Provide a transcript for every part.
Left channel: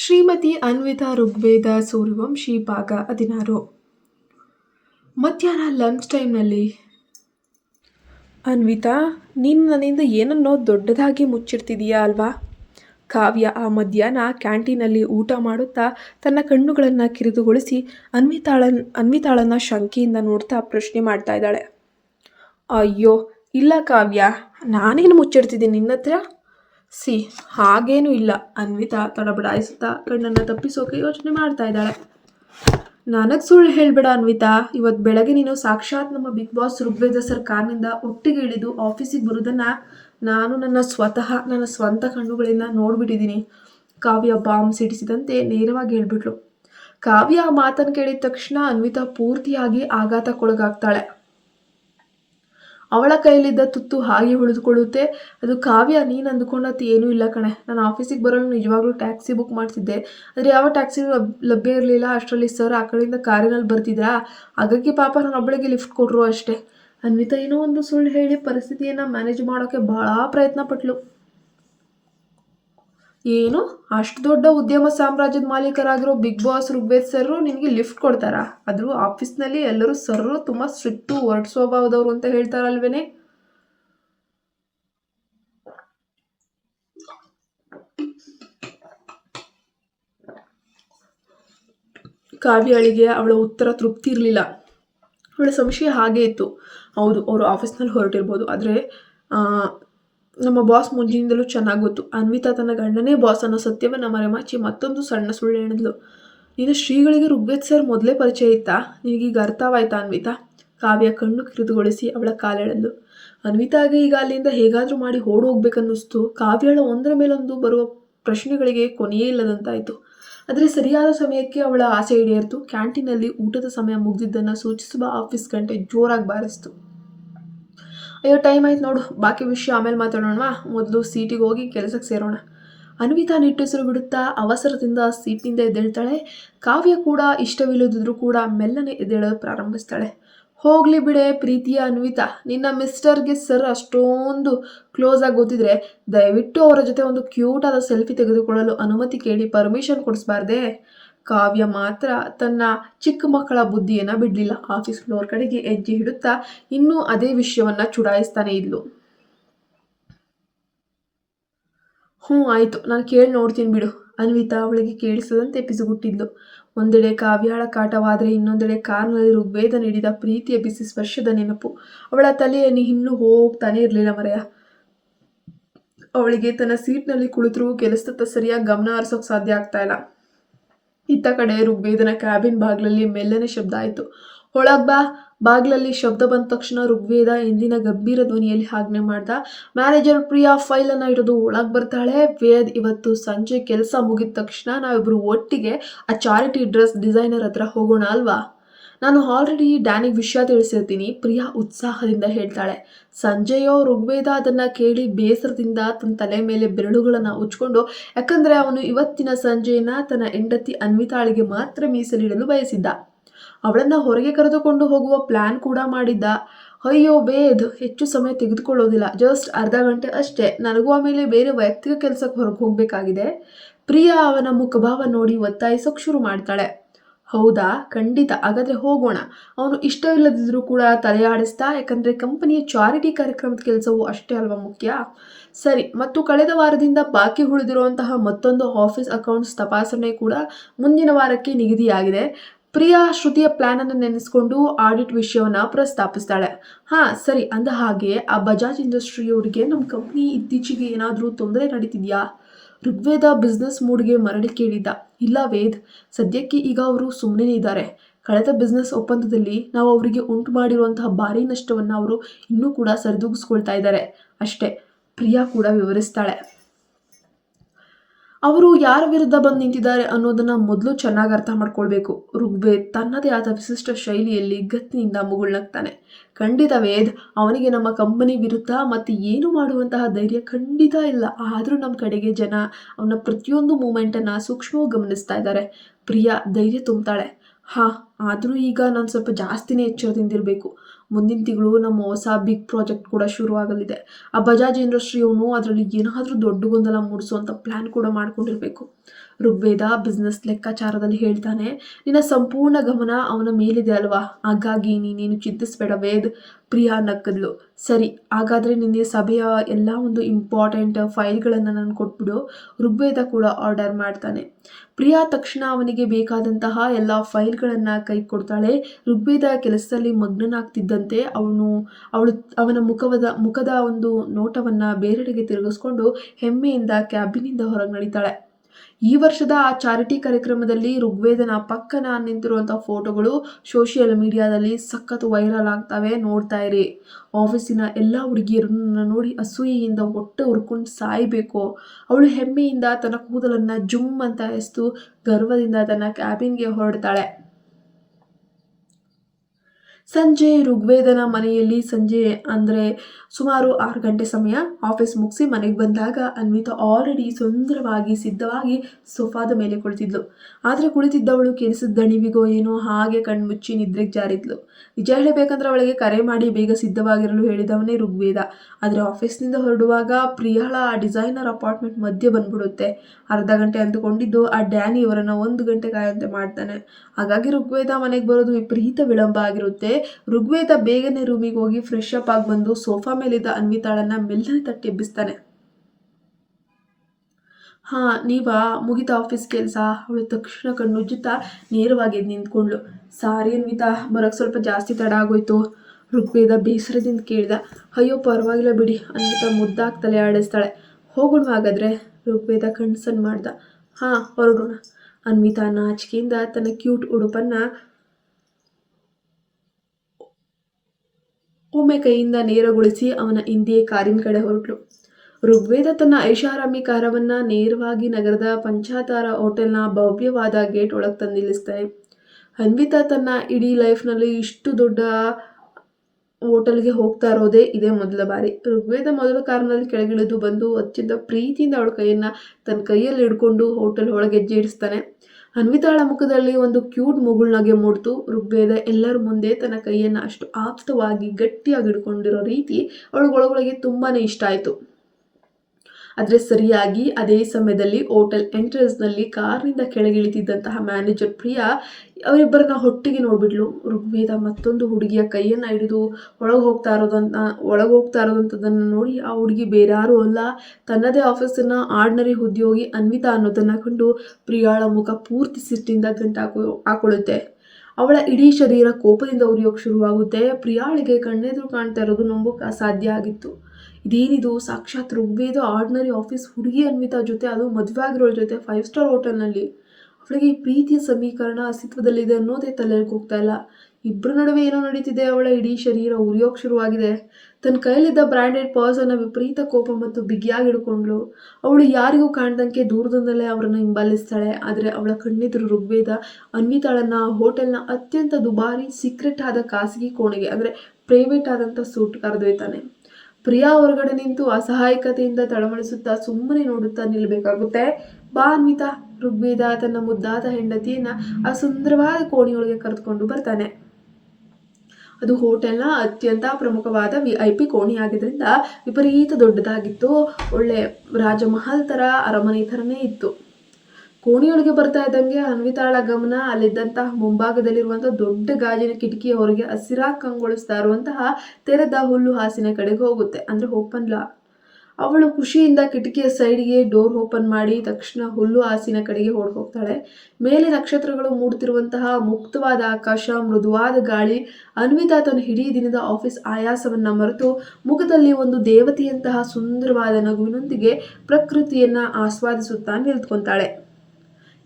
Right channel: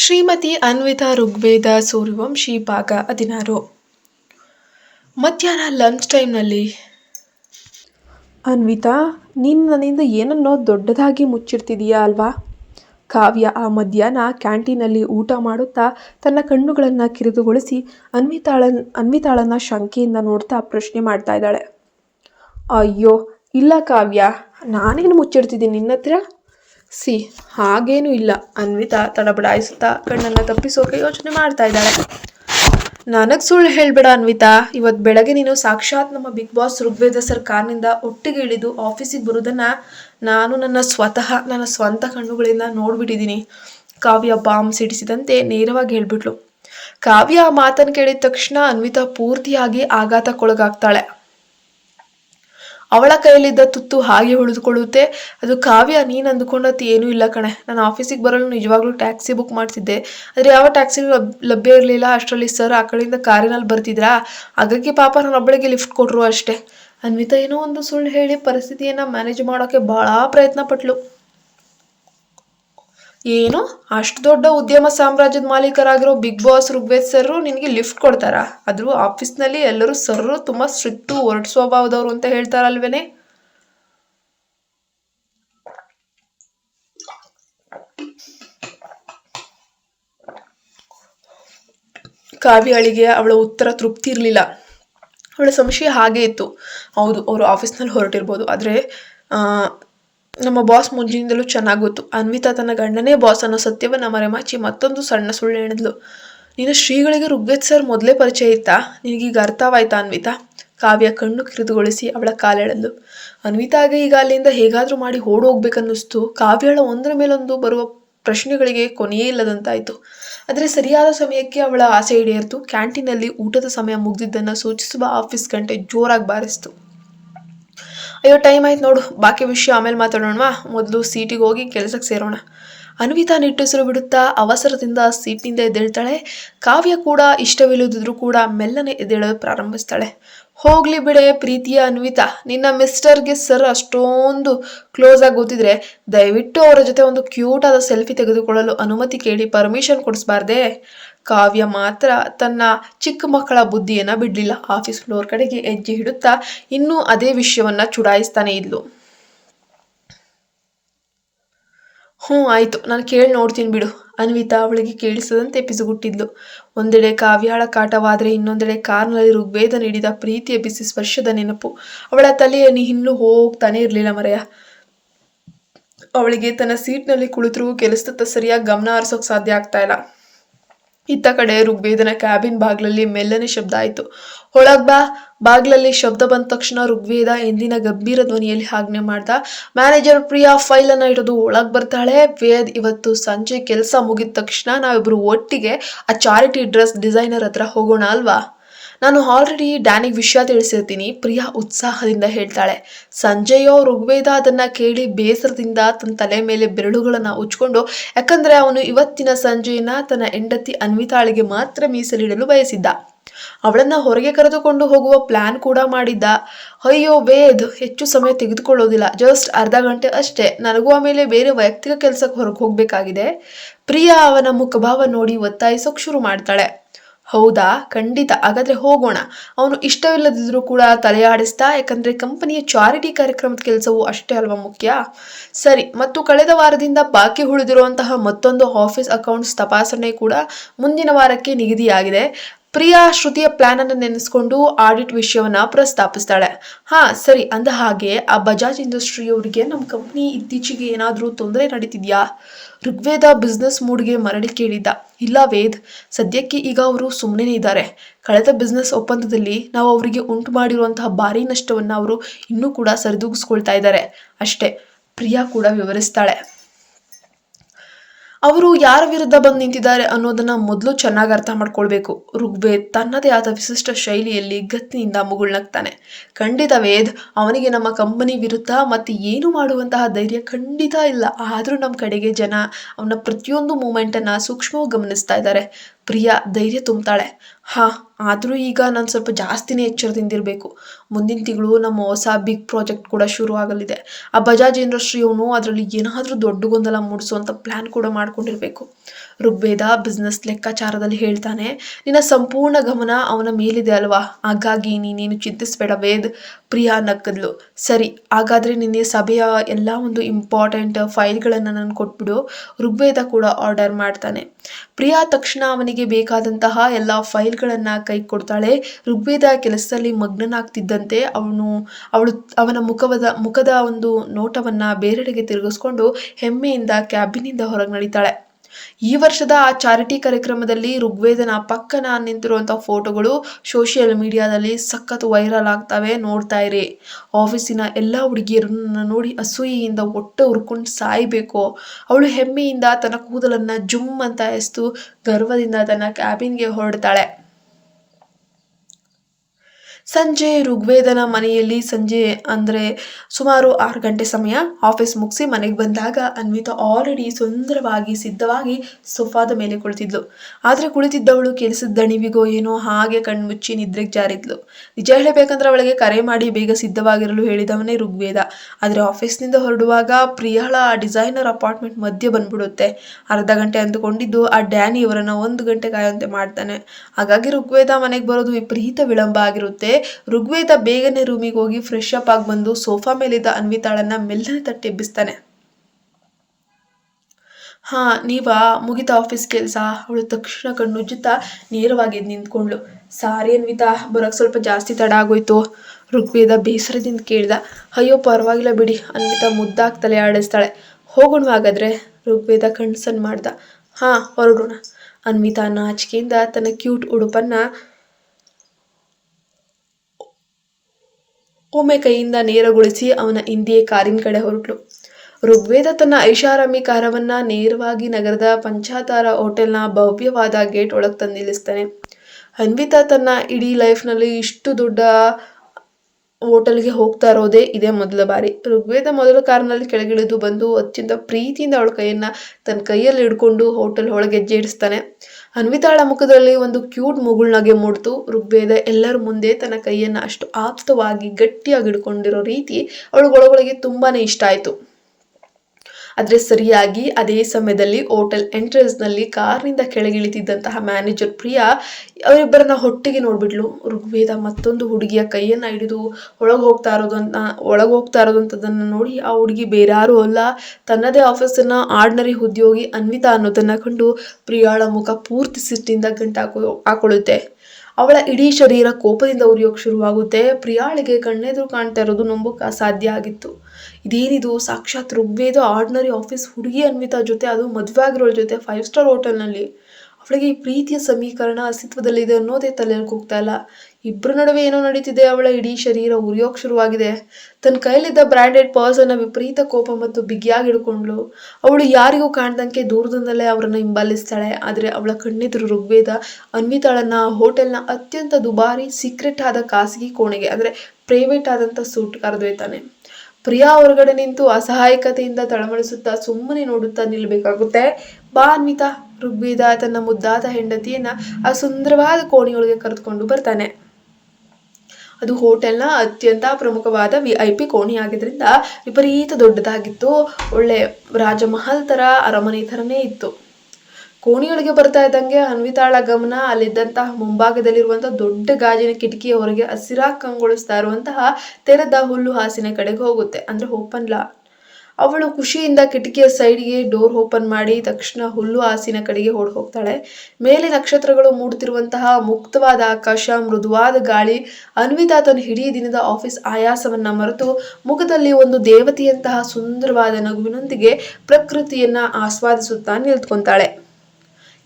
ಶ್ರೀಮತಿ ಅನ್ವಿತಾ ಋಗ್ವೇದ ಸೂರ್ಯವಂಶಿ ಭಾಗ 16. ಮಧ್ಯಾಹ್ನ ಲಂಚ್ ಟೈಮ್ನಲ್ಲಿ ಅನ್ವಿತಾ, ನೀನು ನನ್ನಿಂದ ಏನನ್ನೋ ದೊಡ್ಡದಾಗಿ ಮುಚ್ಚಿಡ್ತಿದೀಯಾ ಅಲ್ವಾ? ಕಾವ್ಯ ಆ ಮಧ್ಯಾಹ್ನ ಕ್ಯಾಂಟೀನಲ್ಲಿ ಊಟ ಮಾಡುತ್ತಾ ತನ್ನ ಕಣ್ಣುಗಳನ್ನು ಕಿರಿದುಗೊಳಿಸಿ ಅನ್ವಿತಾಳನ್ನ ಶಂಕೆಯಿಂದ ನೋಡ್ತಾ ಪ್ರಶ್ನೆ ಮಾಡ್ತಾ ಇದ್ದಾಳೆ. ಅಯ್ಯೋ ಇಲ್ಲ ಕಾವ್ಯ, ನಾನೇನು ಮುಚ್ಚಿಡ್ತಿದ್ದೀನಿ ನಿನ್ನ ಹತ್ರ? ಹಾಗೇನೂ ಇಲ್ಲ. ಅನ್ವಿತಾ ತಡಬಡಾಯಿಸುತ್ತಾ ಕಣ್ಣನ್ನು ತಪ್ಪಿಸೋಕೆ ಯೋಚನೆ ಮಾಡ್ತಾ ಇದ್ದಾಳೆ. ನನಗೆ ಸುಳ್ಳು ಹೇಳ್ಬೇಡ ಅನ್ವಿತಾ, ಇವತ್ತು ಬೆಳಗ್ಗೆ ನೀನು ಸಾಕ್ಷಾತ್ ನಮ್ಮ ಬಿಗ್ ಬಾಸ್ ಋಗ್ವೇದ ಸರ್ ಕಾರ್ನಿಂದ ಒಟ್ಟಿಗೆ ಇಳಿದು ಆಫೀಸಿಗೆ ಬರೋದನ್ನು ನಾನು ನನ್ನ ಸ್ವಂತ ಕಣ್ಣುಗಳಿಂದ ನೋಡ್ಬಿಟ್ಟಿದ್ದೀನಿ. ಕಾವ್ಯ ಬಾಂಬ್ ಸಿಡಿಸಿದಂತೆ ನೇರವಾಗಿ ಹೇಳ್ಬಿಟ್ಲು. ಕಾವ್ಯ ಆ ಮಾತನ್ನು ಕೇಳಿದ ತಕ್ಷಣ ಅನ್ವಿತಾ ಪೂರ್ತಿಯಾಗಿ ಆಘಾತಕ್ಕೊಳಗಾಗ್ತಾಳೆ. ಅವಳ ಕೈಯಲ್ಲಿದ್ದ ತುತ್ತು ಹಾಗೆ ಉಳಿದುಕೊಳ್ಳುತ್ತೆ. ಅದು ಕಾವ್ಯ, ನೀನು ಅಂದುಕೊಂಡದ್ದು ಏನೂ ಇಲ್ಲ ಕಣೆ. ನಾನು ಆಫೀಸಿಗೆ ಬರಲು ನಿಜವಾಗ್ಲೂ ಟ್ಯಾಕ್ಸಿ ಬುಕ್ ಮಾಡ್ತಿದ್ದೆ, ಆದರೆ ಯಾವ ಟ್ಯಾಕ್ಸಿನೂ ಲಭ್ಯ ಇರಲಿಲ್ಲ. ಅಷ್ಟರಲ್ಲಿ ಸರ್ ಆ ಕಡೆಯಿಂದ ಕಾರಿನಲ್ಲಿ ಬರ್ತಿದ್ರಾ, ಹಾಗಾಗಿ ಪಾಪ ನಾನು ಒಬ್ಬಳಿಗೆ ಲಿಫ್ಟ್ ಕೊಟ್ಟರು ಅಷ್ಟೇ. ಅನ್ವಿತಾ ಏನೋ ಒಂದು ಸುಳ್ಳು ಹೇಳಿ ಪರಿಸ್ಥಿತಿಯನ್ನು ಮ್ಯಾನೇಜ್ ಮಾಡೋಕ್ಕೆ ಭಾಳ ಪ್ರಯತ್ನ ಪಟ್ಲು. ಏನು, ಅಷ್ಟು ದೊಡ್ಡ ಉದ್ಯಮ ಸಾಮ್ರಾಜ್ಯದ ಮಾಲೀಕರಾಗಿರೋ ಬಿಗ್ ಬಾಸ್ ಋಗ್ವೇದ್ ಸರ್ ನಿನಗೆ ಲಿಫ್ಟ್ ಕೊಡ್ತಾರಾ? ಆದರೂ ಆಫೀಸ್ನಲ್ಲಿ ಎಲ್ಲರೂ ಸರ್ ತುಂಬ ಸ್ಟ್ರಿಕ್ಟು, ಒರಟು ಸ್ವಭಾವದವರು ಅಂತ ಹೇಳ್ತಾರಲ್ವೇನೆ? ಕಾವ್ಯಳಿಗೆ ಅವಳ ಉತ್ತರ ತೃಪ್ತಿ ಇರಲಿಲ್ಲ. ಅವಳ ಸಂಶಯ ಹಾಗೇ ಇತ್ತು. ಹೌದು, ಅವರು ಆಫೀಸ್ನಲ್ಲಿ ಹೊರಟಿರ್ಬೋದು, ಆದರೆ ನಮ್ಮ ಬಾಸ್ ಮುಂಜಿನಿಂದಲೂ ಚೆನ್ನಾಗಿ ಗೊತ್ತು. ಅನ್ವಿತಾ ತನ್ನ ಗಂಡನೇ ಬಾಸ್ ಅನ್ನೋ ಸತ್ಯವನ್ನು ಮರೆಮಾಚಿ ಮತ್ತೊಂದು ಸಣ್ಣ ಸುಳ್ಳು ಹೇಳಿದ್ಲು. ನೀನು ಶ್ರೀಗಳಿಗೆ ಋಗ್ವೇದ್ ಸರ್ ಮೊದಲೇ ಪರಿಚಯ ಇತ್ತಾ? ನಿನಗೀಗ ಅರ್ಥವಾಯ್ತಾ ಅನ್ವಿತಾ? ಕಾವ್ಯ ಕಣ್ಣು ಕಿರಿದುಗೊಳಿಸಿ ಅವಳ ಕಾಲೆಳೆದ್ಲು. ಅನ್ವಿತಾಗೆ ಈಗ ಅಲ್ಲಿಂದ ಹೇಗಾದರೂ ಮಾಡಿ ಓಡೋಗ್ಬೇಕನ್ನಿಸ್ತು. ಕಾವ್ಯಳ ಒಂದರ ಮೇಲೊಂದು ಬರುವ ಪ್ರಶ್ನೆಗಳಿಗೆ ಕೊನೆಯೇ ಇಲ್ಲದಂತಾಯಿತು. ಆದರೆ ಸರಿಯಾದ ಸಮಯಕ್ಕೆ ಅವಳ ಆಸೆ ಈಡೇರಿತು. ಕ್ಯಾಂಟೀನಲ್ಲಿ ಊಟದ ಸಮಯ ಮುಗ್ದಿದ್ದನ್ನು ಸೂಚಿಸುವ ಆಫೀಸ್ ಗಂಟೆ ಜೋರಾಗಿ ಬಾರಿಸ್ತು. ಅಯ್ಯೋ, ಟೈಮ್ ಆಯ್ತು ನೋಡು, ಬಾಕಿ ವಿಷಯ ಆಮೇಲೆ ಮಾತಾಡೋಣವಾ, ಮೊದಲು ಸೀಟಿಗೆ ಹೋಗಿ ಕೆಲಸಕ್ಕೆ ಸೇರೋಣ. ಅನ್ವಿತಾ ನಿಟ್ಟುಸಿರು ಬಿಡುತ್ತಾ ಅವಸರದಿಂದ ಸೀಟ್ನಿಂದ ಎದ್ದೇಳ್ತಾಳೆ. ಕಾವ್ಯ ಕೂಡ ಇಷ್ಟವಿಲ್ಲದಿದ್ರೂ ಕೂಡ ಮೆಲ್ಲನೆ ಎದ್ದೇಳಲು ಪ್ರಾರಂಭಿಸ್ತಾಳೆ. ಹೋಗ್ಲಿ ಬಿಡೆ ಪ್ರೀತಿಯ ಅನ್ವಿತಾ, ನಿನ್ನ ಮಿಸ್ಟರ್ಗೆ ಸರ್ ಅಷ್ಟೊಂದು ಕ್ಲೋಸ್ ಆಗಿ ಗೊತ್ತಿದ್ರೆ ದಯವಿಟ್ಟು ಅವರ ಜೊತೆ ಒಂದು ಕ್ಯೂಟ್ ಆದ ಸೆಲ್ಫಿ ತೆಗೆದುಕೊಳ್ಳಲು ಅನುಮತಿ ಕೇಳಿ ಪರ್ಮಿಷನ್ ಕೊಡಿಸ್ಬಾರ್ದೆ? ಕಾವ್ಯ ಮಾತ್ರ ತನ್ನ ಚಿಕ್ಕ ಮಕ್ಕಳ ಬುದ್ಧಿಯನ್ನು ಬಿಡಲಿಲ್ಲ. ಆಫೀಸ್ ಫ್ಲೋರ್ ಕಡೆಗೆ ಹೆಜ್ಜೆ ಇಡುತ್ತಾ ಇನ್ನೂ ಅದೇ ವಿಷಯವನ್ನ ಚುಡಾಯಿಸ್ತಾನೆ ಇದ್ಲು. ಆಯಿತು, ನಾನು ಕೇಳಿ ನೋಡ್ತೀನಿ ಬಿಡು. ಅನ್ವಿತಾ ಅವಳಿಗೆ ಕೇಳಿಸದಂತೆ ಪಿಸುಗುಟ್ಟಿದ್ಲು. ಒಂದೆಡೆ ಕಾವ್ಯಾಳ ಕಾಟವಾದರೆ ಇನ್ನೊಂದೆಡೆ ಕಾರ್ನಲ್ಲಿ ಋಗ್ವೇದ ನೀಡಿದ ಪ್ರೀತಿಯ ಬಿಸಿ ಸ್ಪರ್ಶದ ನೆನಪು ಅವಳ ತಲೆಯಲ್ಲಿ ಇನ್ನೂ ಹೋಗ್ತಾನೆ ಇರಲಿಲ್ಲ ಮರೆಯ. ಅವಳಿಗೆ ತನ್ನ ಸೀಟ್ನಲ್ಲಿ ಕುಳಿತರೂ ಕೆಲಸದತ್ತ ಸರಿಯಾಗಿ ಗಮನ ಹರಿಸೋಕೆ ಸಾಧ್ಯ ಆಗ್ತಾ ಇಲ್ಲ. ಇತ್ತ ಕಡೆ ಋಗ್ವೇದನ ಕ್ಯಾಬಿನ್ ಬಾಗ್ಲಲ್ಲಿ ಮೆಲ್ಲನೆ ಶಬ್ದ ಆಯಿತು. ಒಳಗ್ ಬಾ. ಬಾಗ್ಲಲ್ಲಿ ಶಬ್ದ ಬಂದ ತಕ್ಷಣ ಋಗ್ವೇದ ಎಂದಿನ ಗಂಭೀರ ಧ್ವನಿಯಲ್ಲಿ ಆಜ್ಞೆ ಮಾಡ್ದ. ಮ್ಯಾನೇಜರ್ ಪ್ರಿಯಾ ಫೈಲನ್ನು ಹಿಡಿದು ಒಳಗೆ ಬರ್ತಾಳೆ. ವೇದ್, ಇವತ್ತು ಸಂಜೆ ಕೆಲಸ ಮುಗಿದ ತಕ್ಷಣ ನಾವಿಬ್ರು ಒಟ್ಟಿಗೆ ಆ ಚಾರಿಟಿ ಡ್ರೆಸ್ ಡಿಸೈನರ್ ಹತ್ರ ಹೋಗೋಣ ಅಲ್ವಾ? ನಾನು ಆಲ್ರೆಡಿ ಡ್ಯಾನಿಗೆ ವಿಷಯ ತಿಳಿಸಿರ್ತೀನಿ, ಪ್ರಿಯಾ ಉತ್ಸಾಹದಿಂದ ಹೇಳ್ತಾಳೆ. ಸಂಜೆಯೋ ಋಗ್ವೇದ ಅದನ್ನ ಕೇಳಿ ಬೇಸರದಿಂದ ತನ್ನ ತಲೆ ಮೇಲೆ ಬೆರಳುಗಳನ್ನು ಉಚ್ಕೊಂಡು, ಯಾಕಂದ್ರೆ ಅವನು ಇವತ್ತಿನ ಸಂಜೆಯನ್ನ ತನ್ನ ಹೆಂಡತಿ ಅನ್ವಿತಾಳಿಗೆ ಮಾತ್ರ ಮೀಸಲಿಡಲು ಬಯಸಿದ್ದ. ಅವಳನ್ನ ಹೊರಗೆ ಕರೆದುಕೊಂಡು ಹೋಗುವ ಪ್ಲಾನ್ ಕೂಡ ಮಾಡಿದ್ದ. ಅಯ್ಯೋ ವೇದ್, ಹೆಚ್ಚು ಸಮಯ ತೆಗೆದುಕೊಳ್ಳೋದಿಲ್ಲ, ಜಸ್ಟ್ ಅರ್ಧ ಗಂಟೆ ಅಷ್ಟೇ. ನನಗೂ ಆಮೇಲೆ ಬೇರೆ ವೈಯಕ್ತಿಕ ಕೆಲಸಕ್ಕೆ ಹೊರಗೆ ಹೋಗ್ಬೇಕಾಗಿದೆ. ಪ್ರಿಯಾ ಅವನ ಮುಖಭಾವ ನೋಡಿ ಒತ್ತಾಯಿಸೋಕೆ ಶುರು ಮಾಡ್ತಾಳೆ. ಹೌದಾ, ಖಂಡಿತ, ಹಾಗಾದ್ರೆ ಹೋಗೋಣ. ಅವನು ಇಷ್ಟವಿಲ್ಲದಿದ್ರೂ ಕೂಡ ತಲೆಯಾಡಿಸ್ತಾ, ಯಾಕಂದ್ರೆ ಕಂಪನಿಯ ಚಾರಿಟಿ ಕಾರ್ಯಕ್ರಮದ ಕೆಲಸವು ಅಷ್ಟೇ ಅಲ್ವಾ ಮುಖ್ಯ. ಸರಿ, ಮತ್ತು ಕಳೆದ ವಾರದಿಂದ ಬಾಕಿ ಉಳಿದಿರುವಂತಹ ಮತ್ತೊಂದು ಆಫೀಸ್ ಅಕೌಂಟ್ಸ್ ತಪಾಸಣೆ ಕೂಡ ಮುಂದಿನ ವಾರಕ್ಕೆ ನಿಗದಿಯಾಗಿದೆ. ಪ್ರಿಯಾ ಶ್ರುತಿಯ ಪ್ಲಾನ್ ಅನ್ನು ನೆನೆಸ್ಕೊಂಡು ಆಡಿಟ್ ವಿಷಯವನ್ನ ಪ್ರಸ್ತಾಪಿಸ್ತಾಳೆ. ಸರಿ, ಅಂದ ಹಾಗೆ ಆ ಬಜಾಜ್ ಇಂಡಸ್ಟ್ರಿಯವರಿಗೆ ನಮ್ಮ ಕಂಪನಿ ಇತ್ತೀಚೆಗೆ ಏನಾದರೂ ತೊಂದರೆ ನಡೀತಿದ್ಯಾ? ಋಗ್ವೇದ ಬಿಸ್ನೆಸ್ ಮೂಡ್ಗೆ ಮರಳಿ ಕೇಳಿದ್ದ. ಇಲ್ಲ ವೇದ್, ಸದ್ಯಕ್ಕೆ ಈಗ ಅವರು ಸುಮ್ಮನೆ ಇದ್ದಾರೆ. ಕಳೆದ ಬಿಸ್ನೆಸ್ ಒಪ್ಪಂದದಲ್ಲಿ ನಾವು ಅವರಿಗೆ ಉಂಟು ಮಾಡಿರುವಂತಹ ಭಾರಿ ನಷ್ಟವನ್ನು ಅವರು ಇನ್ನೂ ಕೂಡ ಸರಿದೂಗಿಸ್ಕೊಳ್ತಾ ಇದ್ದಾರೆ ಅಷ್ಟೇ. ಪ್ರಿಯಾ ಕೂಡ ವಿವರಿಸ್ತಾಳೆ. ಅವರು ಯಾರ ವಿರುದ್ಧ ಬಂದು ನಿಂತಿದ್ದಾರೆ ಅನ್ನೋದನ್ನ ಮೊದಲು ಚೆನ್ನಾಗಿ ಅರ್ಥ ಮಾಡ್ಕೊಳ್ಬೇಕು. ಋಗ್ವೇದ್ ತನ್ನದೇ ಆದ ವಿಶಿಷ್ಟ ಶೈಲಿಯಲ್ಲಿ ಗತ್ತಿನಿಂದ ಮುಗುಳ್ನಗ್ತಾನೆ. ಖಂಡಿತ ವೇದ್, ಅವನಿಗೆ ನಮ್ಮ ಕಂಪನಿ ವಿರುದ್ಧ ಮತ್ತೆ ಏನು ಮಾಡುವಂತಹ ಧೈರ್ಯ ಖಂಡಿತ ಇಲ್ಲ. ಆದರೂ ನಮ್ಮ ಕಡೆಗೆ ಜನ ಅವನ ಪ್ರತಿಯೊಂದು ಮೂಮೆಂಟನ್ನು ಸೂಕ್ಷ್ಮವಾಗಿ ಗಮನಿಸ್ತಾ ಇದ್ದಾರೆ. ಪ್ರಿಯಾ ಧೈರ್ಯ ತುಂಬ್ತಾಳೆ. ಆದರೂ ಈಗ ನಾನು ಸ್ವಲ್ಪ ಜಾಸ್ತಿನೇ ಎಚ್ಚರದಿಂದಿರಬೇಕು. ಮುಂದಿನ ತಿಂಗಳು ನಮ್ಮ ಹೊಸ ಬಿಗ್ ಪ್ರಾಜೆಕ್ಟ್ ಕೂಡ ಶುರು ಆಗಲಿದೆ. ಆ ಬಜಾಜ್ ಇಂಡಸ್ಟ್ರಿ ಅವನು ಅದರಲ್ಲಿ ಏನಾದರೂ ದೊಡ್ಡ ಗೊಂದಲ ಮೂಡಿಸುವಂಥ ಪ್ಲ್ಯಾನ್ ಕೂಡ ಮಾಡ್ಕೊಂಡಿರಬೇಕು. ಋಗ್ವೇದ ಬಿಸ್ನೆಸ್ ಲೆಕ್ಕಾಚಾರದಲ್ಲಿ ಹೇಳ್ತಾನೆ. ನಿನ್ನ ಸಂಪೂರ್ಣ ಗಮನ ಅವನ ಮೇಲಿದೆ ಅಲ್ವಾ, ಹಾಗಾಗಿ ನೀನೇನು ಚಿಂತಿಸಬೇಡ ವೇದ್. ಪ್ರಿಯಾ ನಕ್ಕದ್ಲು. ಸರಿ, ಹಾಗಾದರೆ ನಿನ್ನೆ ಸಭೆಯ ಎಲ್ಲ ಒಂದು ಇಂಪಾರ್ಟೆಂಟ್ ಫೈಲ್ಗಳನ್ನು ನಾನು ಕೊಟ್ಬಿಡು. ಋಗ್ವೇದ ಕೂಡ ಆರ್ಡರ್ ಮಾಡ್ತಾನೆ. ಪ್ರಿಯಾ ತಕ್ಷಣ ಅವನಿಗೆ ಬೇಕಾದಂತಹ ಎಲ್ಲ ಫೈಲ್ಗಳನ್ನು ಕೈ ಕೊಡ್ತಾಳೆ. ಋಗ್ವೇದ ಕೆಲಸದಲ್ಲಿ ಮಗ್ನನಾಗ್ತಿದ್ದಂತೆ ಅವನ ಮುಖದ ಒಂದು ನೋಟವನ್ನು ಬೇರೆಡೆಗೆ ತಿರುಗಿಸ್ಕೊಂಡು ಹೆಮ್ಮೆಯಿಂದ ಕ್ಯಾಬಿನಿಂದ ಹೊರಗೆ ನಡೀತಾಳೆ. ಈ ವರ್ಷದ ಆ ಚಾರಿಟಿ ಕಾರ್ಯಕ್ರಮದಲ್ಲಿ ಋಗ್ವೇದನ ಪಕ್ಕನ ನಿಂತಿರುವಂಥ ಫೋಟೋಗಳು ಸೋಷಿಯಲ್ ಮೀಡಿಯಾದಲ್ಲಿ ಸಖತ್ ವೈರಲ್ ಆಗ್ತವೆ, ನೋಡ್ತಾ ಇರಿ. ಆಫೀಸಿನ ಎಲ್ಲ ಹುಡುಗಿಯರನ್ನ ನೋಡಿ ಅಸೂಯೆಯಿಂದ ಹೊಟ್ಟೆ ಉರ್ಕೊಂಡು ಸಾಯಬೇಕು. ಅವಳು ಹೆಮ್ಮೆಯಿಂದ ತನ್ನ ಕೂದಲನ್ನು ಜುಮ್ ಅಂತ ಎಸ್ತು ಗರ್ವದಿಂದ ತನ್ನ ಕ್ಯಾಬಿನ್ಗೆ ಹೊರಡ್ತಾಳೆ. ಸಂಜೆ ಋಗ್ವೇದನ ಮನೆಯಲ್ಲಿ ಸಂಜೆ ಅಂದರೆ ಸುಮಾರು 6 ಗಂಟೆ ಸಮಯ. ಆಫೀಸ್ ಮುಗಿಸಿ ಮನೆಗೆ ಬಂದಾಗ ಅನ್ವಿತಾ ಆಲ್ರೆಡಿ ಸುಂದರವಾಗಿ ಸಿದ್ಧವಾಗಿ ಸೋಫಾದ ಮೇಲೆ ಕುಳಿತಿದ್ಲು. ಆದರೆ ಕುಳಿತಿದ್ದವಳು ಕೆಲಸದ ದಣಿವಿಗೋ ಏನೋ ಹಾಗೆ ಕಣ್ಮುಚ್ಚಿ ನಿದ್ರೆಗೆ ಜಾರಿದ್ಲು. ನಿಜ ಹೇಳಬೇಕಂದ್ರೆ ಅವಳಿಗೆ ಕರೆ ಮಾಡಿ ಬೇಗ ಸಿದ್ಧವಾಗಿರಲು ಹೇಳಿದವನೇ ಋಗ್ವೇದ. ಆದರೆ ಆಫೀಸ್ನಿಂದ ಹೊರಡುವಾಗ ಪ್ರಿಯಾಳ ಡಿಸೈನರ್ ಅಪಾರ್ಟ್ಮೆಂಟ್ ಮಧ್ಯೆ ಬಂದ್ಬಿಡುತ್ತೆ. ಅರ್ಧ ಗಂಟೆ ಅಂದುಕೊಂಡಿದ್ದು ಆ ಡ್ಯಾನಿ ಅವರನ್ನು 1 ಗಂಟೆ ಕಾಯುವಂತೆ ಮಾಡ್ತಾನೆ. ಹಾಗಾಗಿ ಋಗ್ವೇದ ಮನೆಗೆ ಬರೋದು ವಿಪರೀತ ವಿಳಂಬ ಆಗಿರುತ್ತೆ. ಋಗ್ವೇದ ಬೇಗನೆ ರೂಮಿಗೆ ಹೋಗಿ ಫ್ರೆಶ್ ಅಪ್ ಆಗಿ ಬಂದು ಸೋಫಾ ಮೇಲಿದ್ದ ಅನ್ವಿತಾಳನ್ನ ಮೆಲ್ಲನೆ ತಟ್ಟಿ ಎಬ್ಬಿಸ್ತಾನೆ. ನೀವಾ ಮುಗಿತ ಆಫೀಸ್ ಕೆಲಸ? ಅವಳು ತಕ್ಷಣ ಕಣ್ಣುಜ್ಜುತ್ತಾ ನೇರವಾಗಿ ನಿಂತ್ಕೊಂಡ್ಳು. ಸಾರಿ ಅನ್ವಿತಾ, ಬರೋಕ್ಕೆ ಸ್ವಲ್ಪ ಜಾಸ್ತಿ ತಡ ಆಗೋಯ್ತು. ಋಗ್ವೇದ ಬೇಸರದಿಂದ ಕೇಳ್ದ. ಅಯ್ಯೋ ಪರವಾಗಿಲ್ಲ ಬಿಡಿ. ಅನ್ವಿತಾ ಮುದ್ದಾಗಿ ತಲೆ ಆಡಿಸ್ತಾಳೆ. ಹೋಗೋಣ ಹಾಗಾದ್ರೆ? ಋಗ್ವೇದ ಕಣ್ಸನ್ ಮಾಡ್ದ. ಹೊರಡೋಣ. ಅನ್ವಿತಾ ನಾಚಿಕೆಯಿಂದ ತನ್ನ ಕ್ಯೂಟ್ ಉಡುಪನ್ನ ಒಮ್ಮೆ ಕೈಯಿಂದ ನೇರಗೊಳಿಸಿ ಅವನ ಹಿಂದೆಯೇ ಕಾರಿನ ಕಡೆ ಹೊರಟಳು. ಋಗ್ವೇದ ತನ್ನ ಐಷಾರಾಮಿ ಕಾರವನ್ನ ನೇರವಾಗಿ ನಗರದ ಪಂಚಾತಾರ ಹೋಟೆಲ್ನ ಭವ್ಯವಾದ ಗೇಟ್ ಒಳಗೆ ತಂದು ನಿಲ್ಲಿಸ್ತಾನೆ. ಅನ್ವಿತಾ ತನ್ನ ಇಡೀ ಲೈಫ್ನಲ್ಲಿ ಇಷ್ಟು ದೊಡ್ಡ ಹೋಟೆಲ್ಗೆ ಹೋಗ್ತಾ ಇರೋದೇ ಇದೇ ಮೊದಲ ಬಾರಿ. ಋಗ್ವೇದ ಮೊದಲ ಕಾರಿನಲ್ಲಿ ಕೆಳಗಿಳಿದು ಬಂದು ಅತ್ಯಂತ ಪ್ರೀತಿಯಿಂದ ಅವಳ ಕೈಯನ್ನು ತನ್ನ ಕೈಯಲ್ಲಿ ಹಿಡ್ಕೊಂಡು ಹೋಟೆಲ್ ಒಳಗೆ ಹೆಜ್ಜೆ ಇಡಿಸ್ತಾನೆ. ಅನ್ವಿತಾಳ ಮುಖದಲ್ಲಿ ಒಂದು ಕ್ಯೂಟ್ ಮುಗುಳ್ನಗೆ ಮೂಡ್ತು. ಋಗ್ವೇದ ಎಲ್ಲರ ಮುಂದೆ ತನ್ನ ಕೈಯನ್ನು ಅಷ್ಟು ಆಪ್ತವಾಗಿ ಗಟ್ಟಿಯಾಗಿ ಹಿಡ್ಕೊಂಡಿರೋ ರೀತಿ ಅವಳಿಗೊಳಗೊಳಗೆ ತುಂಬಾನೇ ಇಷ್ಟ ಆಯಿತು. ಆದರೆ ಸರಿಯಾಗಿ ಅದೇ ಸಮಯದಲ್ಲಿ ಹೋಟೆಲ್ ಎಂಟ್ರೆನ್ಸ್ನಲ್ಲಿ ಕಾರ್ನಿಂದ ಕೆಳಗಿಳಿತಿದ್ದಂತಹ ಮ್ಯಾನೇಜರ್ ಪ್ರಿಯಾ ಅವರಿಬ್ಬರನ್ನ ಹೊಟ್ಟಿಗೆ ನೋಡ್ಬಿಡ್ಲು. ಋಗ್ವೇದ ಮತ್ತೊಂದು ಹುಡುಗಿಯ ಕೈಯನ್ನು ಹಿಡಿದು ಒಳಗೆ ಹೋಗ್ತಾ ಇರೋದಂಥದ್ದನ್ನು ನೋಡಿ ಆ ಹುಡುಗಿ ಬೇರಾರು ಅಲ್ಲ, ತನ್ನದೇ ಆಫೀಸನ್ನ ಆರ್ಡಿನರಿ ಉದ್ಯೋಗಿ ಅನ್ವಿತಾ ಅನ್ನೋದನ್ನು ಕಂಡು ಪ್ರಿಯಾಳ ಮುಖ ಪೂರ್ತಿ ಸಿಟ್ಟಿಂದ ಹಾಕೊಳ್ಳುತ್ತೆ. ಅವಳ ಇಡೀ ಶರೀರ ಕೋಪದಿಂದ ಉರಿಯೋಕೆ ಶುರುವಾಗುತ್ತೆ. ಪ್ರಿಯಾಳಿಗೆ ಕಣ್ಣೆದುರು ಕಾಣ್ತಾ ಇರೋದು ನಂಬೋಕೆ ಅಸಾಧ್ಯ ಆಗಿತ್ತು. ಇದೇನಿದು, ಸಾಕ್ಷಾತ್ ಋಗ್ವೇದ ಆರ್ಡಿನರಿ ಆಫೀಸ್ ಹುಡುಗಿ ಅನ್ವಿತಾ ಜೊತೆ, ಅದು ಮದುವೆ ಆಗಿರೋಳ ಜೊತೆ 5 ಸ್ಟಾರ್ ಹೋಟೆಲ್ನಲ್ಲಿ. ಅವಳಿಗೆ ಈ ಪ್ರೀತಿಯ ಸಮೀಕರಣ ಅಸ್ತಿತ್ವದಲ್ಲಿದೆ ಅನ್ನೋದೇ ತಲೆಯಲ್ಲಿ ಹೋಗ್ತಾ ಇಲ್ಲ. ಇಬ್ಬರ ನಡುವೆ ಏನೋ ನಡೀತಿದೆ. ಅವಳ ಇಡೀ ಶರೀರ ಉರಿಯೋಕೆ ಶುರುವಾಗಿದೆ. ತನ್ನ ಕೈಲಿದ್ದ ಬ್ರ್ಯಾಂಡೆಡ್ ಪರ್ಸನ್ನ ವಿಪರೀತ ಕೋಪ ಮತ್ತು ಬಿಗಿಯಾಗಿ ಹಿಡ್ಕೊಂಡ್ಳು. ಅವಳು ಯಾರಿಗೂ ಕಾಣ್ದಂಗೆ ದೂರದಿಂದಲೇ ಅವರನ್ನು ಹಿಂಬಾಲಿಸ್ತಾಳೆ. ಆದರೆ ಅವಳ ಕಣ್ಣೆದುರು ಋಗ್ವೇದ ಅನ್ವಿತಾಳನ್ನ ಹೋಟೆಲ್ನ ಅತ್ಯಂತ ದುಬಾರಿ ಸೀಕ್ರೆಟ್ ಆದ ಖಾಸಗಿ ಕೋಣೆಗೆ, ಅಂದರೆ ಪ್ರೈವೇಟ್ ಆದಂಥ ಸೂಟ್ ಕರೆದೊಯ್ತಾನೆ. ಪ್ರಿಯಾ ಹೊರಗಡೆ ನಿಂತು ಅಸಹಾಯಕತೆಯಿಂದ ತಳಮಳಿಸುತ್ತಾ ಸುಮ್ಮನೆ ನೋಡುತ್ತಾ ನಿಲ್ಲಬೇಕಾಗುತ್ತೆ. ಬಾ ಅನ್ವಿತಾ. ಋಗ್ವೇದ ತನ್ನ ಮುದ್ದಾದ ಹೆಂಡತಿಯನ್ನ ಆ ಸುಂದರವಾದ ಕೋಣೆಯೊಳಗೆ ಕರೆದುಕೊಂಡು ಬರ್ತಾನೆ. ಅದು ಹೋಟೆಲ್ನ ಅತ್ಯಂತ ಪ್ರಮುಖವಾದ VIP ಕೋಣೆಯಾಗಿದ್ದರಿಂದ ವಿಪರೀತ ದೊಡ್ಡದಾಗಿತ್ತು. ಒಳ್ಳೆ ರಾಜಮಹಲ್ ಥರ, ಅರಮನೆ ಥರನೇ ಇತ್ತು. ಕೋಣೆಯೊಳಗೆ ಬರ್ತಾ ಇದ್ದಂಗೆ ಅನ್ವಿತಾಳ ಗಮನ ಅಲ್ಲಿದ್ದಂತಹ ಮುಂಭಾಗದಲ್ಲಿರುವಂತಹ ದೊಡ್ಡ ಗಾಜಿನ ಕಿಟಕಿಯ ಹೊರಗೆ ಹಸಿರಾಗಿ ಕಂಗೊಳಿಸ್ತಾ ಇರುವಂತಹ ತೆರೆದ ಹುಲ್ಲು ಹಾಸಿನ ಕಡೆಗೆ ಹೋಗುತ್ತೆ. ಅಂದರೆ ಓಪನ್ ಲಾ. ಅವಳು ಖುಷಿಯಿಂದ ಕಿಟಕಿಯ ಸೈಡ್ಗೆ ಡೋರ್ ಓಪನ್ ಮಾಡಿ ತಕ್ಷಣ ಹುಲ್ಲು ಹಾಸಿನ ಕಡೆಗೆ ಓಡಿ ಹೋಗ್ತಾಳೆ. ಮೇಲೆ ನಕ್ಷತ್ರಗಳು ಮೂಡುತ್ತಿರುವಂತಹ ಮುಕ್ತವಾದ ಆಕಾಶ, ಮೃದುವಾದ ಗಾಳಿ. ಅನ್ವಿತಾ ತನ್ನ ಇಡೀ ದಿನದ ಆಫೀಸ್ ಆಯಾಸವನ್ನ ಮರೆತು ಮುಖದಲ್ಲಿ ಒಂದು ದೇವತೆಯಂತಹ ಸುಂದರವಾದ ನಗುವಿನೊಂದಿಗೆ ಪ್ರಕೃತಿಯನ್ನ ಆಸ್ವಾದಿಸುತ್ತಾ ನಿಂತ್ಕೊಂತಾಳೆ.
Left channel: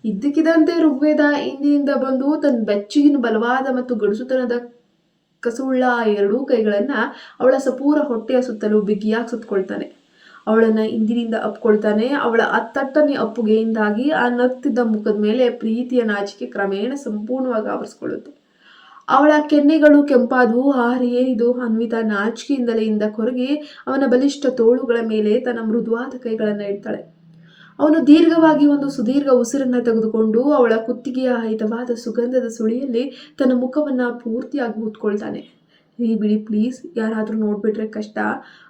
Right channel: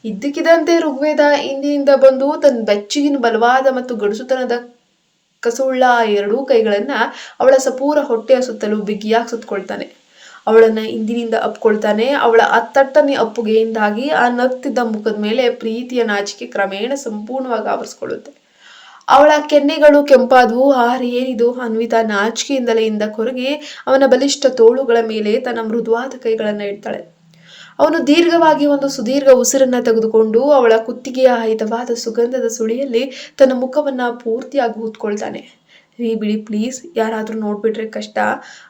ಇದ್ದಕ್ಕಿದ್ದಂತೆ ಋಗ್ವೇದ ಹಿಂದಿನಿಂದ ಬಂದು ತನ್ನ ಬೆಚ್ಚಗಿನ ಬಲವಾದ ಮತ್ತು ಗಡುಸುತನದ ಕಸುಳ್ಳ 2 ಕೈಗಳನ್ನ ಅವಳ ಸಪೂರ ಹೊಟ್ಟೆಯ ಸುತ್ತಲೂ ಬಿಗಿಯಾಗಿ ಸುತ್ತಕೊಳ್ತಾನೆ. ಅವಳನ್ನ ಹಿಂದಿನಿಂದ ಅಪ್ಕೊಳ್ತಾನೆ. ಅವಳ ಅತ್ತಟ್ಟನೆ ಅಪ್ಪುಗೆಯಿಂದಾಗಿ ಆ ನಗ್ತಿದ್ದ ಮುಖದ ಮೇಲೆ ಪ್ರೀತಿಯ ನಾಚಿಕೆ ಕ್ರಮೇಣ ಸಂಪೂರ್ಣವಾಗಿ ಆವರಿಸ್ಕೊಳ್ಳುತ್ತೆ. ಅವಳ ಕೆನ್ನೆಗಳು ಕೆಂಪಾದವು. ಏನಿದು? ಅನ್ವಿತಾ ನಾಚಿಕೆಯಿಂದಲೇ ಹಿಂದ ಕೊರಗಿ ಅವನ ಬಲಿಷ್ಠ ತೋಳುಗಳ ಮೇಲೆ ತನ್ನ ಮೃದುವಾದ ಕೈಗಳನ್ನು ಇಡ್ತಾಳೆ. ಅವನು ದೀರ್ಘವಾಗಿ ಒಂದು ಸುದೀರ್ಘ ಉಸಿರನ್ನ ತೆಗೆದುಕೊಂಡು ಅವಳ ಕುತ್ತಿಗೆಯ ಹಿತವಾದ ಸುಗಂಧದ ಸುಳಿಯಲ್ಲಿ ತನ್ನ ಮುಖವನ್ನ ಪೂರ್ತಿಯಾಗಿ ಊದ್ಕೊಳ್ತಾನೆ. ರೀ ಬಿಡಿ ಪ್ಲೀಸ್, ಯಾರಾದರೂ ನೋಡ್ಬಿಟ್ರೆ ಕಷ್ಟ.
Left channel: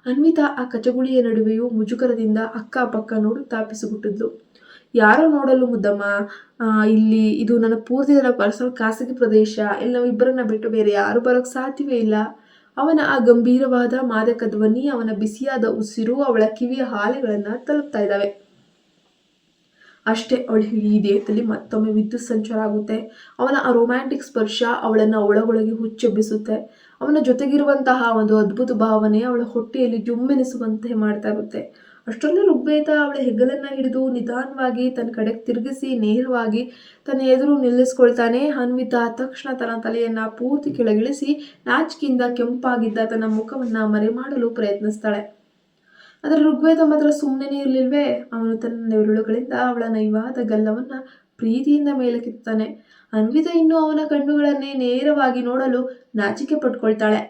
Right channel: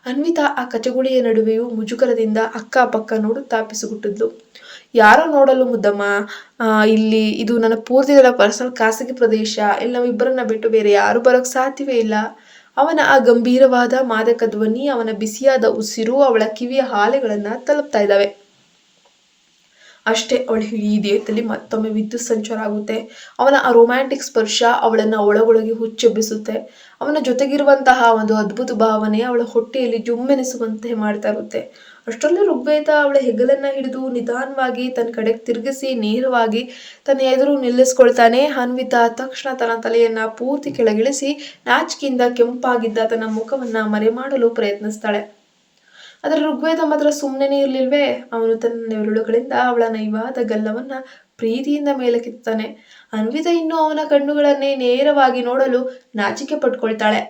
ಅನ್ವಿತಾ ಆ ಕಚಗುಳಿಯ ನಡುವೆಯೂ ಮುಜುಗರದಿಂದ ಅಕ್ಕಪಕ್ಕ ನೋಡುತ್ತಾ ಪಿಸುಗುಟ್ಟಿದ್ಲು. ಯಾರೋ ನೋಡಲು ಮುದ್ದಮ್ಮ, ಇಲ್ಲಿ ಇದು ನನ್ನ ಪೂರ್ತಿ ಪರ್ಸನಲ್ ಖಾಸಗಿ ಪ್ರದೇಶ. ಇಲ್ಲಿ ನಾವಿಬ್ಬರನ್ನ ಬಿಟ್ಟು ಬೇರೆ ಯಾರು ಬರೋಕ್ಕೆ ಸಾಧ್ಯವೇ ಇಲ್ಲ. ಅವನ ಆ ಗಂಭೀರವಾದ ಮಾದಕ ಧ್ವನಿ, ಅವನ ಬಿಸಿಯಾದ ಉಸಿರು ಅವಳ ಕಿವಿಯ ಹಾಲೆಗಳನ್ನ ತಲುಪ್ತಾ ಇದ್ದಾವೆ. ಅಷ್ಟೇ, ಅವಳ ಇಡೀ ದೇಹದಲ್ಲಿ ಮತ್ತೊಮ್ಮೆ ವಿದ್ಯುತ್ ಸಂಚಾರ ಆಗುತ್ತೆ. ಅವನ ಆ ರೊಮ್ಯಾಂಟಿಕ್ ಸ್ಪರ್ಶ ಅವಳನ್ನ ಒಳಗೊಳಗೆ ಹುಚ್ಚೆಬ್ಬಿಸುತ್ತೆ. ಅವನ ಜೊತೆಗಿರುವಂತಹ ಒಂದು ಅದ್ಭುತ ಭಾವನೆ ಅವಳ ಹೊಟ್ಟೆಯಲ್ಲಿ ಜುಮ್ಮೆನಿಸುವಂತೆ ಮಾಡ್ತಾ ಇರುತ್ತೆ. ಅಷ್ಟರಲ್ಲಿ ಋಗ್ವೇದ ಅವಳ ಹೆಗಲನ್ನ ಹಿಡಿದು ನಿಧಾನವಾಗಿ ತನ್ನ ಕಡೆಗೆ ತಿರುಗಿಸಿ ನೇರವಾಗಿ ತನ್ನ ಎದುರು ನಿಲ್ಲಿಸ್ಕೊಳ್ತಾನೆ. ಅನ್ವಿತಾ ತಕ್ಷಣ ತನ್ನ ತಲೆಯನ್ನ ಪೂರ್ತಿ ಕೆಳಗಿಳಿಸಿ ನಾಚಿಕೆಯಿಂದ ಕೆಂಪಾಗಿದ್ದ ತನ್ನ ಮುಖವನ್ನ ಮರೆಮಾಡಲು ಪ್ರಯತ್ನಿಸ್ತಾಳೆ. ಆದರೆ ಋಗ್ವೇದ ಮಾತ್ರ ಸುಮ್ಮನೆ ಇರ್ಲಿಲ್ವೇ. ಅವನು ತನ್ನ ನೆರಳುಗಳಿಂದ ಅವಳ ನೈವಾದ ಗಲ್ಲವನ್ನ ಪ್ರೀತಿಯಿಂದ ಮೇಲಕ್ಕೆತ್ತಾನೆ. ಅನ್ವಿತಾ ಇನ್ನೂ ಅವನ ಕಣ್ಣುಗಳನ್ನೇ ನೇರವಾಗಿ ನೋಡಲು ನಾಚಿಕೆ ಪಟ್ಕೊಳ್ತಾಳೆ.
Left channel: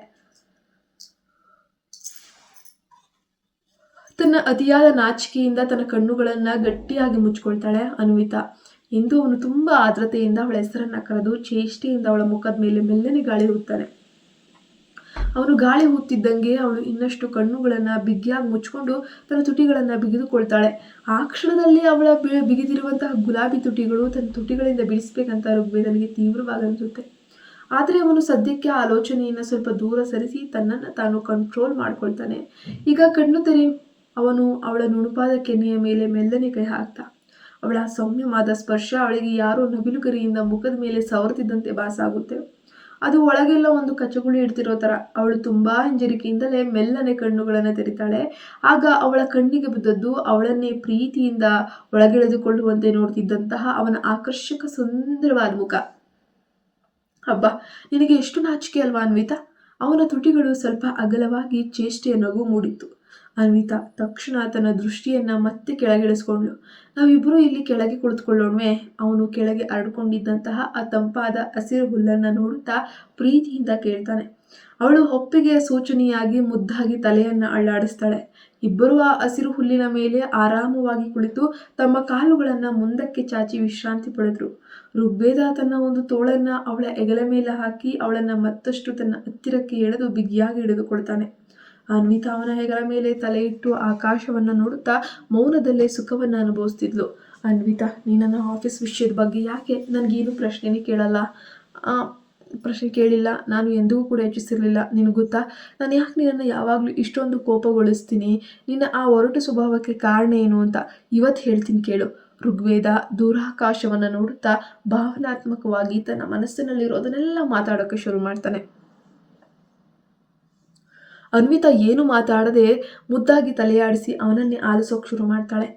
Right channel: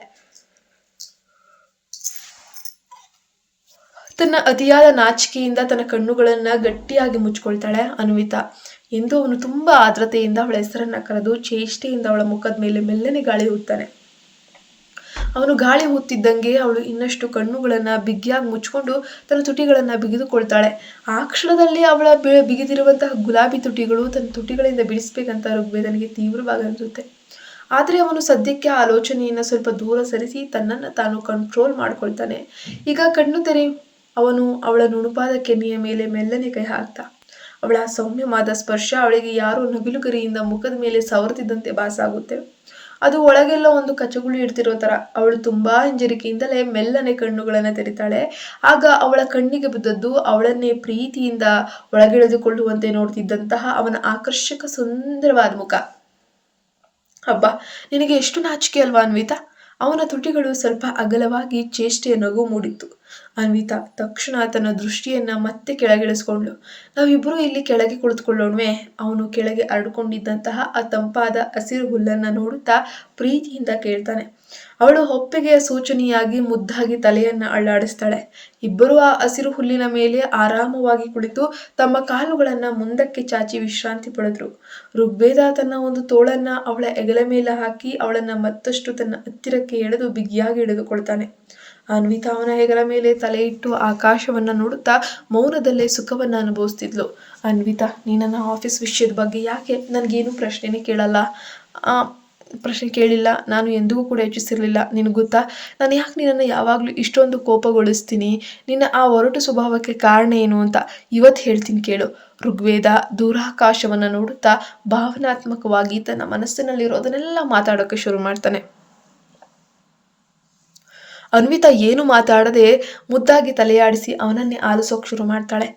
ತನ್ನ ಅತಿಯಾದ ನಾಚಿಕೆಯಿಂದ ತನ್ನ ಕಣ್ಣುಗಳನ್ನ ಗಟ್ಟಿಯಾಗಿ ಮುಚ್ಕೊಳ್ತಾಳೆ ಅನ್ವಿತಾ. ಎಂದು ಅವನು ತುಂಬಾ ಆದ್ರತೆಯಿಂದ ಅವಳ ಹೆಸರನ್ನ ಕರೆದು ಚೇಷ್ಟೆಯಿಂದ ಅವಳ ಮುಖದ ಮೇಲೆ ಮೆಲ್ಲನೆ ಗಾಳಿ ಊದ್ತಾನೆ. ಅವನು ಗಾಳಿ ಊದ್ತಿದ್ದಂಗೆ ಅವಳು ಇನ್ನಷ್ಟು ಕಣ್ಣುಗಳನ್ನ ಬಿಗಿಯಾಗಿ ಮುಚ್ಕೊಂಡು ತನ್ನ ತುಟಿಗಳನ್ನ ಬಿಗಿದುಕೊಳ್ತಾಳೆ. ಆ ಕ್ಷಣದಲ್ಲಿ ಅವಳ ಬಿಗಿದಿರುವಂತಹ ಗುಲಾಬಿ ತುಟಿಗಳು ತನ್ನ ತುಟಿಗಳಿಂದ ಬಿಡಿಸ್ಬೇಕಂತ ಋಗ್ವೇದನಿಗೆ ತೀವ್ರವಾಗಿ ಅನಿಸುತ್ತೆ. ಆದರೆ ಅವನು ಸದ್ಯಕ್ಕೆ ಆಲೋಚನೆಯನ್ನು ಸ್ವಲ್ಪ ದೂರ ಸರಿಸಿ ತನ್ನನ್ನು ತಾನು ಕಂಟ್ರೋಲ್ ಮಾಡ್ಕೊಳ್ತಾನೆ. ಈಗ ಕಣ್ಣು ತೆರೆ. ಅವನು ಅವಳ ನುಣುಪಾದ ಕೆನ್ನೆಯ ಮೇಲೆ ಮೆಲ್ಲನೆ ಕೈ ಹಾಕ್ತ. ಅವಳ ಸೌಮ್ಯವಾದ ಸ್ಪರ್ಶ ಅವಳಿಗೆ ಯಾರೋ ನವಿಲುಗರಿಯಿಂದ ಮುಖದ ಮೇಲೆ ಸವರ್ತಿದ್ದಂತೆ ಭಾಸ ಆಗುತ್ತೆ. ಅದು ಒಳಗೆಲ್ಲ ಒಂದು ಕಚಗುಳಿ ಇಡ್ತಿರೋ ತರ. ಅವಳು ತುಂಬಾ ಹಿಂಜರಿಕೆಯಿಂದಲೇ ಮೆಲ್ಲನೆ ಕಣ್ಣುಗಳನ್ನ ತೆರಿತಾಳೆ. ಆಗ ಅವಳ ಕಣ್ಣಿಗೆ ಬಿದ್ದದ್ದು ಅವಳನ್ನೇ ಪ್ರೀತಿಯಿಂದ ಒಳಗೆಳೆದುಕೊಳ್ಳುವಂತೆ ನೋಡ್ತಿದ್ದಂತಹ ಅವನ ಆಕರ್ಷಕ ಸುಂದರವಾದ ಮುಖ. ಹಬ್ಬ, ನಿನಗೆ ಎಷ್ಟು ನಾಚಿಕೆ ಅಲ್ವಾ ಅನ್ವಿತಾ? ಅವನ ತುಟಿಗಳು ಸ್ವಲ್ಪ ಅಗಲವಾಗಿ ಚೇಷ್ಟೆಯ ನಗು ಮೂಡಿತ್ತು. ಅನ್ವಿತಾ ತಕ್ಷಣ ತನ್ನ ದೃಷ್ಟಿಯನ್ನ ಮತ್ತೆ ಕೆಳಗಿಳಿಸ್ಕೊಂಡ್ಳು. ನಾವಿಬ್ಬರು ಇಲ್ಲಿ ಕೆಳಗೆ ಕುಳಿತುಕೊಳ್ಳೋಣವೇ? ಅವನು ಕೆಳಗೆ ಹರಡ್ಕೊಂಡಿದ್ದಂತಹ ಆ ತಂಪಾದ ಹಸಿರು ಹುಲ್ಲನ್ನ ನೋಡುತ್ತಾ ಪ್ರೀತಿಯಿಂದ ಕೇಳ್ತಾನೆ. ಅವಳು ಹೊಪ್ಪೆಗೆಯ ಸೂಚನೆಯಾಗಿ ಮುದ್ದಾಗಿ ತಲೆಯನ್ನ ಅಳ್ಳಾಡಿಸ್ತಾಳೆ. ಇಬ್ಬರು ಆ ಹಸಿರು ಹುಲ್ಲಿನ ಮೇಲೆ ಆರಾಮವಾಗಿ ಕುಳಿತು ತಮ್ಮ ಕಾಲುಗಳನ್ನ ಮುಂದಕ್ಕೆ ಚಾಚಿ ವಿಶ್ರಾಂತಿ ಪಡೆದ್ರು. ಋಗ್ವೇದ ತನ್ನ ಒಂದು ತೋಳನ್ನ ಅವಳ ಹೆಗಲ ಮೇಲೆ ಹಾಕಿ ಅವಳನ್ನ ಮತ್ತಷ್ಟು ತನ್ನ ಹತ್ತಿರಕ್ಕೆ ಎಳೆದು ಬಿಗಿಯಾಗಿ ಹಿಡಿದುಕೊಳ್ತಾನೆ. ಅನ್ವಿತಾ ಅವನ ಹೆಗಲ ಮೇಲೆ ತಲೆ ಇಟ್ಟು ಆಕಾಶವನ್ನ ನೋಡುತ್ತಾ ಮೌನದಲ್ಲೇ ಸುಖವನ್ನ ಅನುಭವಿಸ್ತಿದ್ಲು. ಅನ್ವಿತಾ, ನೀ ನನ್ನ ಆಫೀಸ್ ವಿಷಯದ ಬಗ್ಗೆ ಯಾಕೆ ನನಗೇನು ಪ್ರಶ್ನೆನೇ ಕೇಳಿಲ್ಲ. ನಾನು ಎಂದಿಗೂ ಕೂಡ ಯೋಚಿಸಿರಲಿಲ್ಲ. ನಿನಗೆ ಗೊತ್ತಾ, ನಾನು ಯಾಕೆ ನಿನ್ನನ್ನು ಯಾವಾಗಲೂ ಇಷ್ಟೊಂದು ಕೋಪಗೊಳಿಸ್ತೀನಿ? ನಿನ್ನ ಆ ಒರಟು ಸ್ವಭಾವಕ್ಕೆ ಕಾರಣ ಏನು ಅಂತ ಇವತ್ತು ಹೇಳ್ತೀನಿ ಕೇಳು. ಋಗ್ವೇದ ದೂರಾಕಾಶವನ್ನು ನೋಡುತ್ತಾ ಭಾವನಾತ್ಮಕವಾಗಿ ತನ್ನ ಮನಸ್ಸಿನಲ್ಲಿರೋದನ್ನೆಲ್ಲ ಮಾತಾಡೋಕ್ಕೆ ಶುರು ಮಾಡ್ತಾನೆ. ಅನ್ವಿತಾ ಏನು ಮಾತಾಡದೆ ಮುದ್ದಾಗಿ ತಲೆಯಾಡಿಸಿ ಅವನನ್ನೇ ಆಲಿಸೋಕೆ ಶುರು ಮಾಡ್ತಾಳೆ.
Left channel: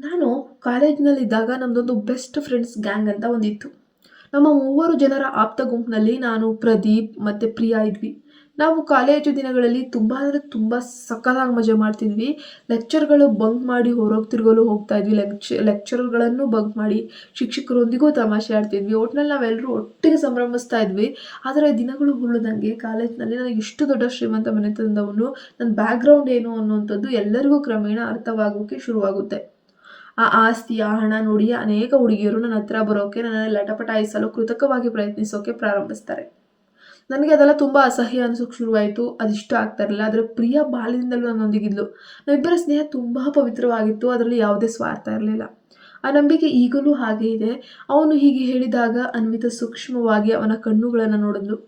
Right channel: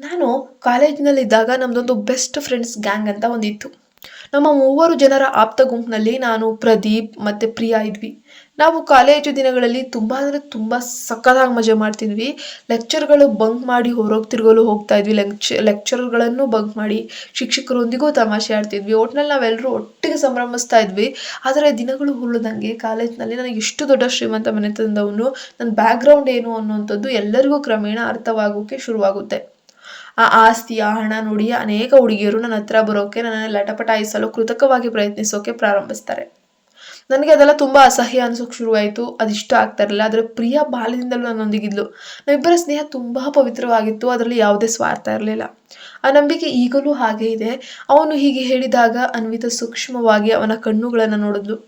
ನಾನು ಕಾಲೇಜಿನಲ್ಲಿದ್ದಾಗ ನಮ್ಮದೊಂದು ಬೆಸ್ಟ್ ಫ್ರೆಂಡ್ಸ್ ಗ್ಯಾಂಗ್ ಅಂತ ಒಂದಿತ್ತು. ನಮ್ಮ 3 ಜನರ ಆಪ್ತ ಗುಂಪಿನಲ್ಲಿ ನಾನು, ಪ್ರದೀಪ್ ಮತ್ತು ಪ್ರಿಯಾ ಇದ್ವಿ. ನಾವು ಕಾಲೇಜು ದಿನಗಳಲ್ಲಿ ತುಂಬ ಅಂದರೆ ತುಂಬ ಸಕ್ಕತ್ತಾಗಿ ಮಜಾ ಮಾಡ್ತಿದ್ವಿ. ಲೆಕ್ಚರ್ಗಳು ಬಂಕ್ ಮಾಡಿ ಹೊರಗೆ ತಿರುಗಲು ಹೋಗ್ತಾ ಇದ್ವಿ. ಲೆಕ್ಚರ್ಗಳನ್ನು ಬಂಕ್ ಮಾಡಿ ಶಿಕ್ಷಕರೊಂದಿಗೂ ತಮಾಷೆ ಆಡ್ತಿದ್ವಿ. ಒಟ್ಟಿನಲ್ಲಿ ನಾವೆಲ್ಲರೂ ಒಟ್ಟಿಗೆ ಸಂಭ್ರಮಿಸ್ತಾ ಇದ್ವಿ. ಆದರೆ ದಿನಗಳು ಹುಲ್ಲದಂಗೆ ಕಾಲೇಜ್ನಲ್ಲಿ ನನಗೆ ಇಷ್ಟು ದೊಡ್ಡ ಶ್ರೀಮಂತ ಮನೆತನದವನು, ನನ್ನ ಬ್ಯಾಕ್ಗ್ರೌಂಡ್ ಏನು ಅನ್ನುವಂಥದ್ದು ಎಲ್ಲರಿಗೂ ಕ್ರಮೇಣ ಅರ್ಥವಾಗೋಕ್ಕೆ ಶುರುವಾಗುತ್ತೆ. ಆ ಆಸ್ತಿ, ಆ ಹಣ ನೋಡಿ ಅನೇಕ ಹುಡುಗಿಯರು ನನ್ನ ಹತ್ರ ಬರೋಕೆ, ನನ್ನನ್ನು ಲಟಪಟಾಯಿಸಲು ಕೃತಕವಾಗಿ ಪ್ರಯತ್ನಿಸೋಕೆ ಪ್ರಾರಂಭಿಸ್ತಾರೆ. ನನಗೆ ಅದೆಲ್ಲ ತುಂಬ ಅಸಹ್ಯ ಅನಿಸೋಕೆ ಶುರುವಾಯಿತು. ಅದಿಷ್ಟ ಆಗ್ತಾ ಇರಲಿಲ್ಲ. ಆದರೆ ಪ್ರಿಯಾ ಬಾಲ್ಯದಿಂದಲೂ ನನ್ನೊಂದಿಗಿದ್ಲು. ನಾವಿಬ್ಬರ ಸ್ನೇಹ ತುಂಬ ಪವಿತ್ರವಾಗಿತ್ತು. ಅದರಲ್ಲಿ ಯಾವುದೇ ಸ್ವಾರ್ಥ ಇರಲಿಲ್ಲ. ಆ ನಂಬಿಕೆ ಈಗಲೂ ಹಾಗೇ ಇದೆ. ಅವನು ಹೀಗೆ ಹೇಳಿದಾಗ ಅನ್ವಿತಾ ಸೂಕ್ಷ್ಮವಾಗಿ ಅವನ ಕಣ್ಣುಗಳನ್ನು ನೋಡಿದ್ಲು.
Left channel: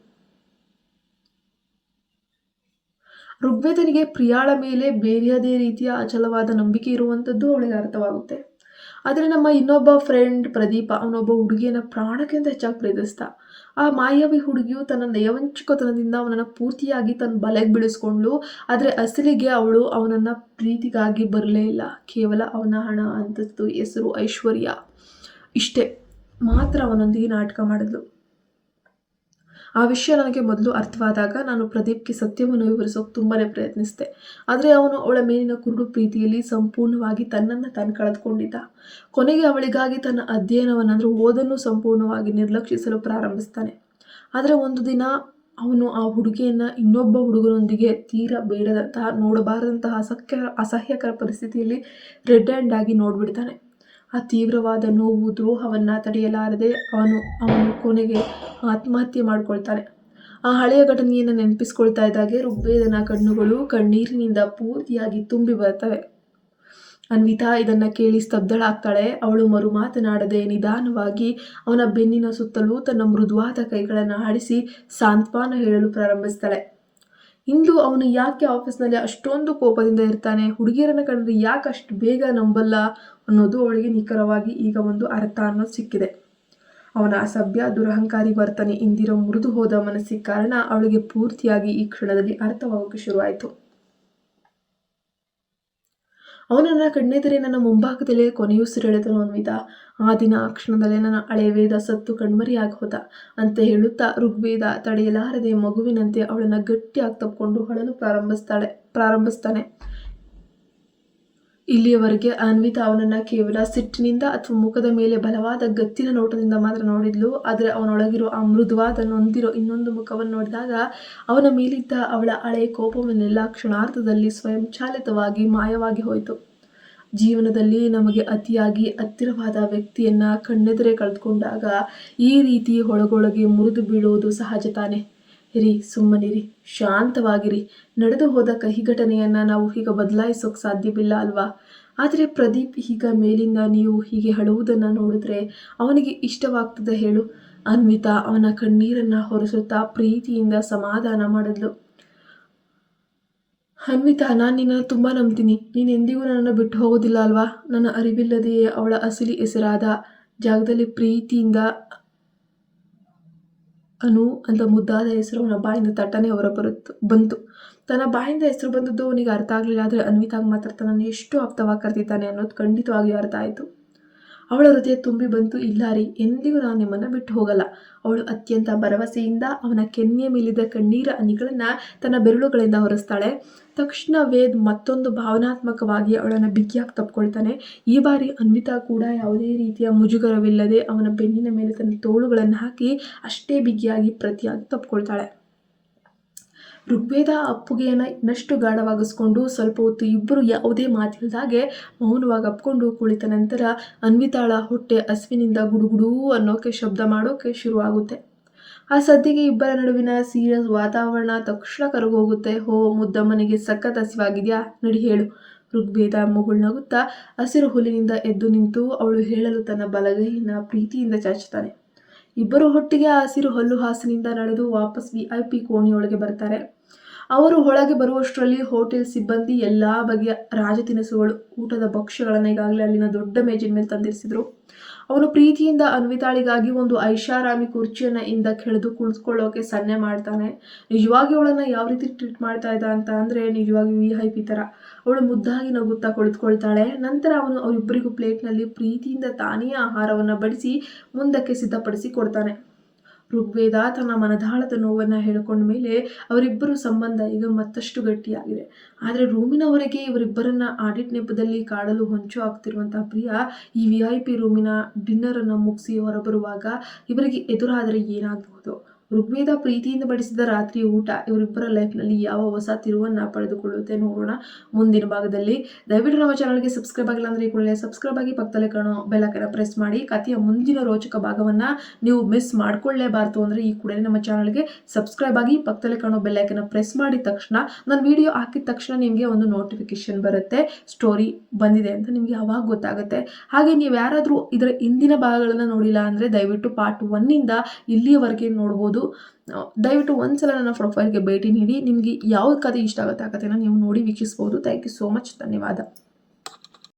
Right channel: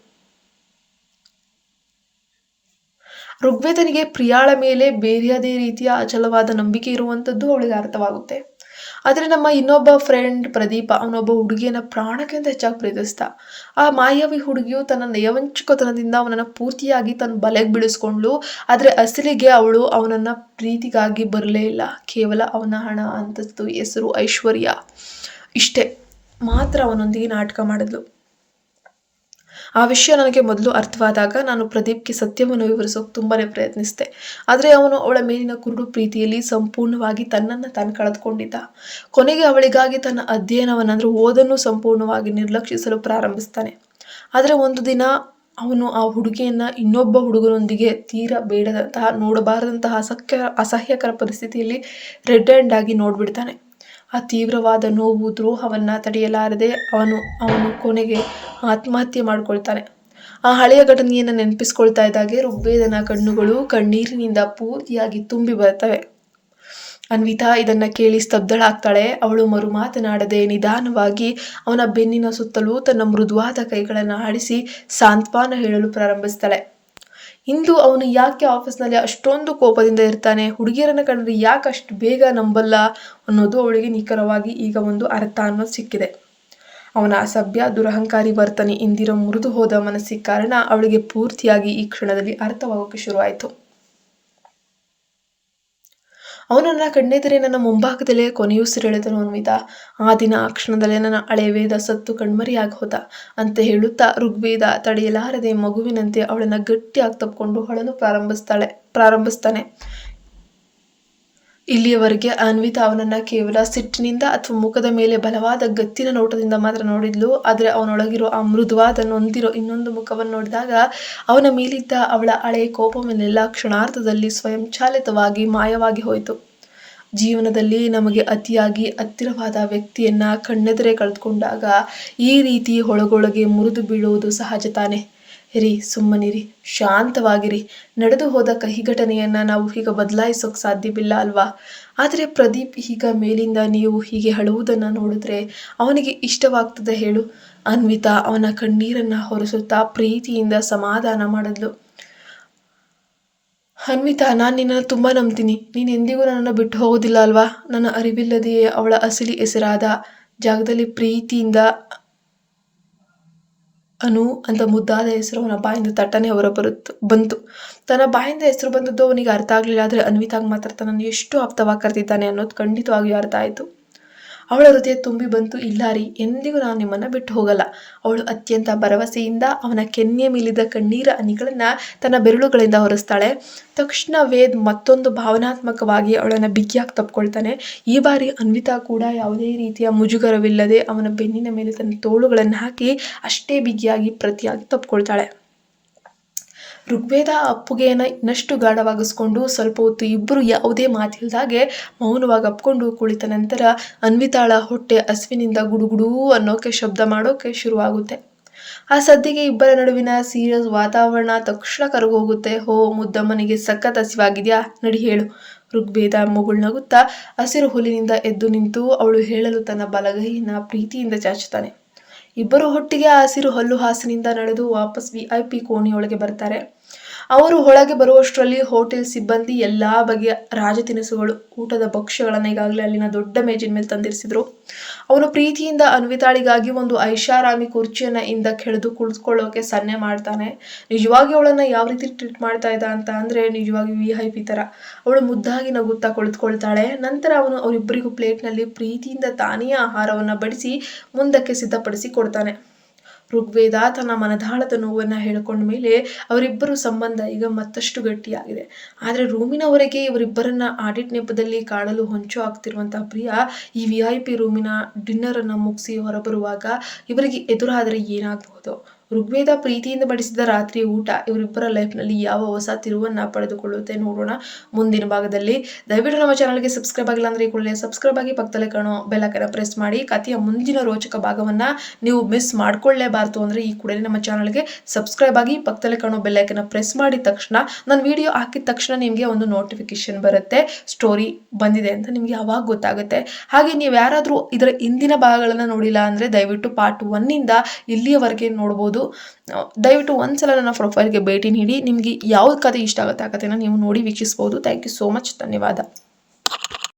ಋಗ್ವೇದನಿಗೆ ಪ್ರಿಯಾಳ ಮೇಲೆ ಬೇರೆಯದೇ ರೀತಿಯ ಅಚಲವಾದ ನಂಬಿಕೆ ಇರುವಂಥದ್ದು ಅವಳಿಗೆ ಅರ್ಥವಾಗುತ್ತೆ. ಆದರೆ ನಮ್ಮ ಇನ್ನೊಬ್ಬ ಫ್ರೆಂಡ್ ಪ್ರದೀಪ, ಅವನೊಬ್ಬ ಹುಡುಗಿಯನ್ನು ಪ್ರಾಣಕ್ಕಿಂತ ಹೆಚ್ಚಾಗಿ ಪ್ರೀತಿಸ್ತ. ಆ ಮಾಯಾವಿ ಹುಡುಗಿಯು ತನ್ನ ನಯವಂಚಕತನದಿಂದ ಅವನನ್ನು ಪೂರ್ತಿಯಾಗಿ ತನ್ನ ಬಲೆಗೆ ಬೀಳಿಸ್ಕೊಂಡ್ಳು. ಆದರೆ ಅಸಲಿಗೆ ಅವಳು ಅವನನ್ನು ಪ್ರೀತಿಗಾಗಿ ಬರಲೇ ಇಲ್ಲ. ಕೇವಲ ಅವನ ಹಣ, ಅಂತಸ್ತು, ಹೆಸರು, ಐಶ್ವರ್ಯ ಇಷ್ಟೇ ಮಾತ್ರ ಅವನೊಂದಿಗೆ ನಾಟಕ ಮಾಡಿದ್ಲು. ಆ ವಿಷಯ ನನಗೆ ಮೊದಲು ಅರ್ಥವಾದಾಗ ನಾನು ಪ್ರದೀಪ್ಗೆ ಸತ್ಯವನ್ನು ವಿವರಿಸೋಕೆ ತುಂಬಾ ಪ್ರಯತ್ನಿಸಿದೆ. ಆದರೆ ಅವನು ಅವಳ ಮೇಲಿನ ಕುರುಡು ಪ್ರೀತಿಯಲ್ಲಿ ಸಂಪೂರ್ಣವಾಗಿ ತನ್ನನ್ನು ತಾನು ಕಳೆದುಕೊಂಡಿದ್ದ. ಕೊನೆಗೆ ಅವಳಿಗಾಗಿ ತನ್ನ ಅಧ್ಯಯನವನ್ನಂದ್ರೆ ಓದನ್ನು ಸಂಪೂರ್ಣವಾಗಿ ನಿರ್ಲಕ್ಷಿಸಲು ಪ್ರಾರಂಭಿಸ್ತಾನೆ. ಆದರೆ ಒಂದು ದಿನ ಅವನು ಆ ಹುಡುಗಿಯನ್ನು ಇನ್ನೊಬ್ಬ ಹುಡುಗನೊಂದಿಗೆ ತೀರಾ ಬೇಡದಂತಹ, ನೋಡಬಾರದಂತಹ ಅಸಹ್ಯಕರ ಪರಿಸ್ಥಿತಿಯಲ್ಲಿ ರೆಡ್ ಹ್ಯಾಂಡ್ ಆಗಿ ನೋಡ್ಬಿಡ್ತಾನೆ. ಆ ತೀವ್ರವಾದ ನೋವು ದ್ರೋಹವನ್ನು ತಡೆಯಲಾರದೆ ಅವನು ಕೊನೆಗೆ ಆತ್ಮಹತ್ಯೆ ಮಾಡಿಕೊಳ್ತಾನೆ. ಆ ಹಳೆಯ ಘಟನೆಯನ್ನು ನೆನಪಿಸ್ಕೊಳ್ತಾ ಇದ್ದಾಗೆ ಋಗ್ವೇದನ ಕಣ್ಣುಗಳು ಕಣ್ಣೀರಿನಿಂದ ಪೂರ್ತಿಯಾಗಿ ತುಂಬಿ ಬರ್ತವೆ. ಅನ್ವಿತಾ ಇದನ್ನ ಕೇಳಿ ಸ್ತಬ್ಧಳಾಗ್ತಾಳೆ. ಅವಳು ಮರು ಮಾತನಾಡದೆ ನಿಧಾನವಾಗಿ ಅವನ ಬೆನ್ನಿನ ಸುತ್ತಲೂ ತನ್ನ ಮೃದುವಾದ ಕೈಗಳನ್ನು ಆಡಿಸಿ ಸಾಂತ್ವನ ಹೇಳಲು ಪ್ರಾರಂಭಿಸ್ತಾಳೆ. ಇಂದು ಅವನು ಯಾಕೆ ಆಫೀಸ್ನಲ್ಲಿ ಅಷ್ಟೊಂದು ಕೋಪದಿಂದ ಇರ್ತಾನೆ, ಹುಡುಗಿಯರನ್ನ ಕಂಡ್ರೆ ಯಾಕೆ ಅಷ್ಟು ಬೇಗ ನಂಬಲ್ಲ ಅನ್ನೋದು ಅವಳಿಗೆ ನಿಖರವಾಗಿ ಈಗ ಒಂದು ಅರ್ಥ ಅನ್ನೋದು ಸಿಕ್ಕಿದೆ. ಅವನ ಅಸಭ್ಯ ದುರಹಂಕಾರಿ ವರ್ತನೆ ಇಂದಿರೋ ಮುರಿದು ಹೋದ ಮನಸ್ಸಿಗೆ ಕಾರಣ ಅವಳಿಗೆ ಪೂರ್ತಿಯಾಗಿ ಈ ಕ್ಷಣದಲ್ಲಿ ಅರ್ಥವಾಗೋಕೆ ಶುರುವಾಯಿತು. ಅವನನ್ನ ಕಣ್ಣೆದರೆ ನನ್ನ ಮುಂಭಾಗದಲ್ಲೇ ಕೊನೆಯುಸಿರೆಳೆದನು ಅನ್ವಿತಾ. ಆ ದಿನ ಆ ಕ್ಷಣದಲ್ಲೇ ನನ್ನ ಹಳೆ ವೇದ ಸತ್ತು ಕಣ್ಮರಿಯಾಗಿ ಹೋದ ಅಂತ ಹೇಳುತ್ತಾ ಋಗ್ವೇದ ತಡೆಯಲಾರದೆ ಮಗುವಿನಂತೆ ಅವಳನ್ನ ಗಟ್ಟಿಯಾಗಿ ತಪ್ಪಿಕೊಂಡು ಹೊಳಲು ಪ್ರಾರಂಭಿಸ್ತಾನೆ. ಇಲ್ಲಿಯವರೆಗೆ ಅನ್ವಿತಾ ಅವನನ್ನ ಕೇವಲ ಸಿಟ್ಟಿನಿಂದ ಅಥವಾ ಮುಖದ ಮೇಲೆ ಬಲವಾದ ಗತ್ತಿನ ನೋಟದಿಂದ ಮಾತ್ರ ನೋಡಿದ್ಲು. ಆದರೆ ಅವನೊಳಗಿರೋ ಆ ಮೃದುವಾದ ನೊಂದಿರೋ ಇನ್ನೊಂದು ಮುಖವನ್ನು ನೋಡಿದಾಗ ಅವನ ಮೇಲಿದ್ದ ಅವಳ ಹಳೆಯ ಕೋಪವನ್ನೆಲ್ಲ ಕ್ಷಣಾರ್ಧದಲ್ಲಿ ಸ್ವಯಂಚಾಲಿತವಾಗಿ ಮಾಯವಾಗಿ ಹೋಯಿತು. ಜೀವನದಲ್ಲಿ ನಮಗೆ ಅತಿಯಾಗಿ ಹತ್ತಿರವಾದ ವ್ಯಕ್ತಿಯನ್ನ ಕಣ್ಣೆದುರೇ ಕಳೆದುಕೊಂಡಾಗ ಈ ರೀತಿ ಒಳಗೊಳಗೆ ಮುರಿದು ಬೀಳುವುದು ಸಹಜ ತಾನೆ. ಸುಮ್ಮನಿರಿ, ಶಾಂತವಾಗಿರಿ. ನಡೆದು ಹೋದ ಕಹಿ ಘಟನೆಯನ್ನ ನಾವು ಈಗ ಬದಲಾಯಿಸೋಕೆ ಸಾಧ್ಯವಿಲ್ಲ ಅಲ್ವಾ? ಆದರೆ ಪ್ರದೀಪ್ ಈಗ ಮೇಲಿಂದ ನೀವು ಹೀಗೆ ಅಳುವುದನ್ನು ನೋಡಿದ್ರೆ ಅವನಿಗೆ ಇಷ್ಟವಾಗ್ತದೆ ಹೇಳು? ಅನ್ವಿತಾ ಅವನ ಕಣ್ಣೀರನ್ನ ಹೊರಸುತ್ತಾ ಪ್ರೀತಿಯಿಂದ ಸಮಾಧಾನ ಮಾಡಿದ್ಲು. ಅನ್ವಿತಾ, ನಾನು ನಿನ್ನನ್ನು ತುಂಬ ನಂಬ್ತೀನಿ. ನೀನು ಎಂದಿಗೂ ನನ್ನನ್ನು ಬಿಟ್ಟು ಹೋಗೋದಿಲ್ಲ ಅಲ್ವಾ? ನನ್ನ ಅರಿವಿಲ್ಲದೆಯೇ ಅವಳ ಅಸಲಿ ಹೆಸರಾದ ಜಾಗದಲ್ಲಿ ಪ್ರೀತಿಯಿಂದ ಅನು ಅಂತ ಮುದ್ದಾದ ಹೆಸರು ಅವನ ಬಾಯಿಂದ ತಟ್ಟನೆ ಬಂತು. ತನ್ನ ಬಾಯಿಂದ ಹೆಸರು ಬಂದದ್ದು ಅವನಿಗೆ ಅರ್ಥ ಆಗಲಿಲ್ಲ. ಆದರೆ ಅನ್ವಿತಾಗ್ ಮಾತ್ರ ತನ್ನನ್ನು ಎಷ್ಟು ಆಪ್ತವಾಗಿ ಕರೆದಿದ್ದಾನೆ ಅನ್ನೋದು ಖಂಡಿತವಾಗಿಯೂ ಅರ್ಥ ಆಯಿತು. ಅವಳ ಹೃದಯ ತುಂಬಿ ಬಂತು. ಇಲ್ಲ ರೀ, ಎಂದಿಗೂ ನಾನು ನಿಮ್ಮನ್ನು ಬಿಟ್ಟು ಹೋಗಲ್ಲ. ಅವಳು ಅತ್ಯಂತ ಭರವಸೆಯಿಂದ ಅವನ ಕೆನ್ನೆಯ ಮೇಲಿದ್ದ ಕಣ್ಣೀರ ಹನಿಗಳನ್ನು ತನ್ನ ಬೆರಳುಗಳಿಂದ ಹೊರಿಸ್ತಾಳೆ. ತಕ್ಷಣ ವೇದ್ ಮತ್ತೊಂದು ಭಾವನಾತ್ಮಕವಾಗಿ ಅವಳನ್ನು ಬಿಗಿಯಾಗಿ ತಪ್ಕೊಳ್ತಾನೆ. ಈ ಬಾರಿ ಅನ್ವಿತಾ ಕೂಡ ಯಾವುದೇ ರೀತಿಯ ಮುಜುಗರವಿಲ್ಲದೆ ಅವನ ಬೆನ್ನಿನ ಮೇಲೆ ತನ್ನ ತೋಳುಗಳನ್ನು ಹಾಕಿ ಅಷ್ಟೇ ಬಿಗಿಯಾಗಿ ಪ್ರತಿಯಾಗಿ ತಪ್ಕೊಳ್ತಾಳೆ. ಋಗ್ವೇದ ಅಪ್ಪುಗೆಯನ್ನು ಇನ್ನಷ್ಟು ಗಾಢವಾಗಿಸ್ಕೊಂಡು ಸ್ವಲ್ಪ ಹೊತ್ತು ಇಬ್ಬರು ಯಾವುದೇ ಮಾತಿಲ್ದಾಗೆ ಮೌನವಾಗಿ ಅಪ್ಕೊಂಡು ಕುಳಿತ ನಂತರ ಅನ್ವಿತಾಳ ಹೊಟ್ಟೆ ಹಸಿವಿನಿಂದ ಗುಡುಗುಡೂ ಅನ್ನೋಕೆ ಶಬ್ದ ಮಾಡೋಕೆ ಶುರುವಾಗುತ್ತೆ. ಆ ಸದ್ದಿಗೆ ಇಬ್ಬರ ನಡುವಿನ ಸೀರಿಯಸ್ ವಾತಾವರಣ ತಕ್ಷಣ ಕರಗೋಗುತ್ತೆ. ಮುದ್ದಮ್ಮನಿಗೆ ಸಖತ್ ಹಸಿವಾಗಿದೆಯಾ? ನಡಿ ಹೇಳು. ಋಗ್ವೇದ ಮುಗುಳ್ನಗುತ್ತಾ ಹಸಿರು ಹುಲ್ಲಿನಿಂದ ಎದ್ದು ನಿಂತು ಅವಳು ಹೇಳಲು ತನ್ನ ಬಲಗೈಯನ್ನು ಪ್ರೀತಿಯಿಂದ ಚಾಚುತ್ತಾನೆ. ಇಬ್ಬರು ಒಟ್ಟಿಗೆ ಆ ಹಸಿರು ಹಲ್ಲು ಹಾಸಿನಿಂದ ನಡೆದು ವಾಪಸ್ VIP ಕೋಣೆಯೊಳಗೆ ಬರ್ತಾರೆ. ಅವರು ಒಳಗೆ ಬರುವಷ್ಟರಲ್ಲಿ ಹೋಟೆಲ್ ಸಿಬ್ಬಂದಿ ಎಲ್ಲಾ ಬಗೆಯ ರಾಜ ತಿನಿಸುಗಳು, ಊಟದ ಭಕ್ಷ್ಯಗಳನ್ನು ಈಗಾಗಲೇ ಅಲ್ಲಿನ ದೊಡ್ಡ ಮೇಜಿನ ಮೇಲೆ ತಂದಿರಿಸಿದ್ರು. ಅವನು ಪ್ರೀತಿಯಿಂದ ಅನ್ವಿತಾಳಿಗಾಗಿ ಒಂದು ಐಷಾರಾಮಿ ಕುರ್ಚಿಯನ್ನ ಹಿಂದಕ್ಕೆ ಎಳೆದು ಕುಳಿತುಕೊಳ್ಳೋಕೆ ಸನ್ನೆ ಮಾಡ್ತಾನೆ. ನಿಜವಾಗಿ ಅವಳನ್ನ ಯಾವ ರೀತಿ ಟ್ರೀಟ್ ಮಾಡ್ತಾ ಇದ್ದ ಅಂತ ಅಂದ್ರೆ ನಿಜವಾಗಿ VIP ತರ. ಅವಳು ಮುದ್ದಾಗಿ ನಗುತ್ತಾ ಕುಳಿತುಕೊಳ್ತಾಳೆ. ನಂತರ ಅವನು ಅವರಿಬ್ಬರಿಗೂ ಪ್ಲೇಟ್ನಲ್ಲಿ ಪ್ರೀತಿಯಿಂದ ತಾನೇ ಆಹಾರವನ್ನ ಬಡಿಸಿ ಮುಂದಕ್ಕೆ ಸಿದ್ಧಪಡಿಸಿ ಕೊಡ್ತಾನೆ. ಋಗ್ವೇದ ತನ್ನ ಮನದಾಳದ ನೋವನ್ನು ಹೇಳಿಕೊಂಡ ಮೇಲೆ ಅವರಿಬ್ಬರು ಸಂಬಂಧ ಈಗ ಮತ್ತಷ್ಟು ಗಟ್ಟಿಯಾಗಿದೆ. ಆದರೆ ರೂಮಿನ ಹೊರಗೆ ಇವರಿಬ್ಬರನ್ನ ಆಡಿಟ್ ನೆಪದಲ್ಲಿ ಕಾಣಲು ಹೊಂಚು ಆಗ್ತಿರುವಂತಹ ಪ್ರಿಯಾ ಈ VIP ರೂಮಿನ ಡಿನ್ನರನ್ನು ಮುಗಿಸಿ ಹೊರಬರುವಾಗ ಇವರಿಗೆ ಎದುರಾದರೆ ಏನಾಗಬಹುದು? ಋಗ್ವೇದ ಪ್ರೀತಿಯಿಂದ ಬಡಿಸಿದ ರಾತ್ರಿ ಊಟ ಇವರಿಬ್ಬರ ಲೈಫ್ನಲ್ಲಿ ಯಾವ ಹೊಸ ತಿರುವನ್ನು ಪಡೆದುಕೊಳ್ಳುತ್ತೆ ನೋಡೋಣ ಮುಂದಿನ ಭಾಗದಲ್ಲಿ. ದಯವಿಟ್ಟು ನಮ್ಮ ಚಾನಲ್ಗೆ ಸಬ್ಸ್ಕ್ರೈಬ್ ಆಗಿಲ್ಲ ಅಂದರೆ ಈ ಕೂಡಲೇ ಸಬ್ಸ್ಕ್ರೈಬ್ ಆಗಿ ಪಕ್ಕದಲ್ಲೇ ಕಾಣೋ ಬೆಲ್ ಐಕಾನ್ ಪ್ರೆಸ್ ಮಾಡಿ. ಕಥೆಯ ಮುಂದಿನ ರೋಚಕ ಭಾಗವನ್ನು ನೀವು ಮಿಸ್ ಮಾಡ್ಕೊಳ್ಳೇಬಾರ್ದು ಅಂದರೆ ಈ ಕೂಡಲೇ ನಮ್ಮ ಚಾನಲ್ಗೆ ಸಬ್ಸ್ಕ್ರೈಬ್ ಆಗಿ ಪಕ್ಕದಲ್ಲೇ ಕಾಣೋ ಬೆಲ್ ಐಕಾನ್ ಪ್ರೆಸ್ ಮಾಡಿದ ತಕ್ಷಣ ನಾನು ವಿಡಿಯೋ ಹಾಕಿದ ತಕ್ಷಣ ನಿಮಗೆ ಒಂದು ನೋಟಿಫಿಕೇಶನ್ ಬರುತ್ತೆ, ಸ್ಟೋರಿ ಬಂದಿದೆ ಅಂತ ನಿಮಗೆ ಯಾವಾಗ ಗೊತ್ತಾಗುತ್ತೆ. ಹಾಗೆ ನೀವು ಯಾರಾದರೂ ಇದರ ಹಿಂದಿನ ಭಾಗಗಳನ್ನು ನೋಡಿಲ್ಲ ಅಂದರೆ ದಯವಿಟ್ಟು ಪಾರ್ಟ್ 1 ಇಲ್ಲಿಯವರೆಗೆ ನೋಡ್ಬೋದು. ದಯವಿಟ್ಟು ಒಂದ್ಸಲ ನನ್ನ ಪ್ರೊಫೈಲ್ಗೆ ಭೇಟಿ ನೀಡಿ ನಿಮಗೆ ಯಾವ ಕಥೆ ಇಷ್ಟ ಆಗುತ್ತೆ ಆ ಕಥೆನ ನೀವು ನೋಡಿ ವೀಕ್ಷಿಸಬಹುದು. Thank you so much. ಧನ್ಯವಾದ.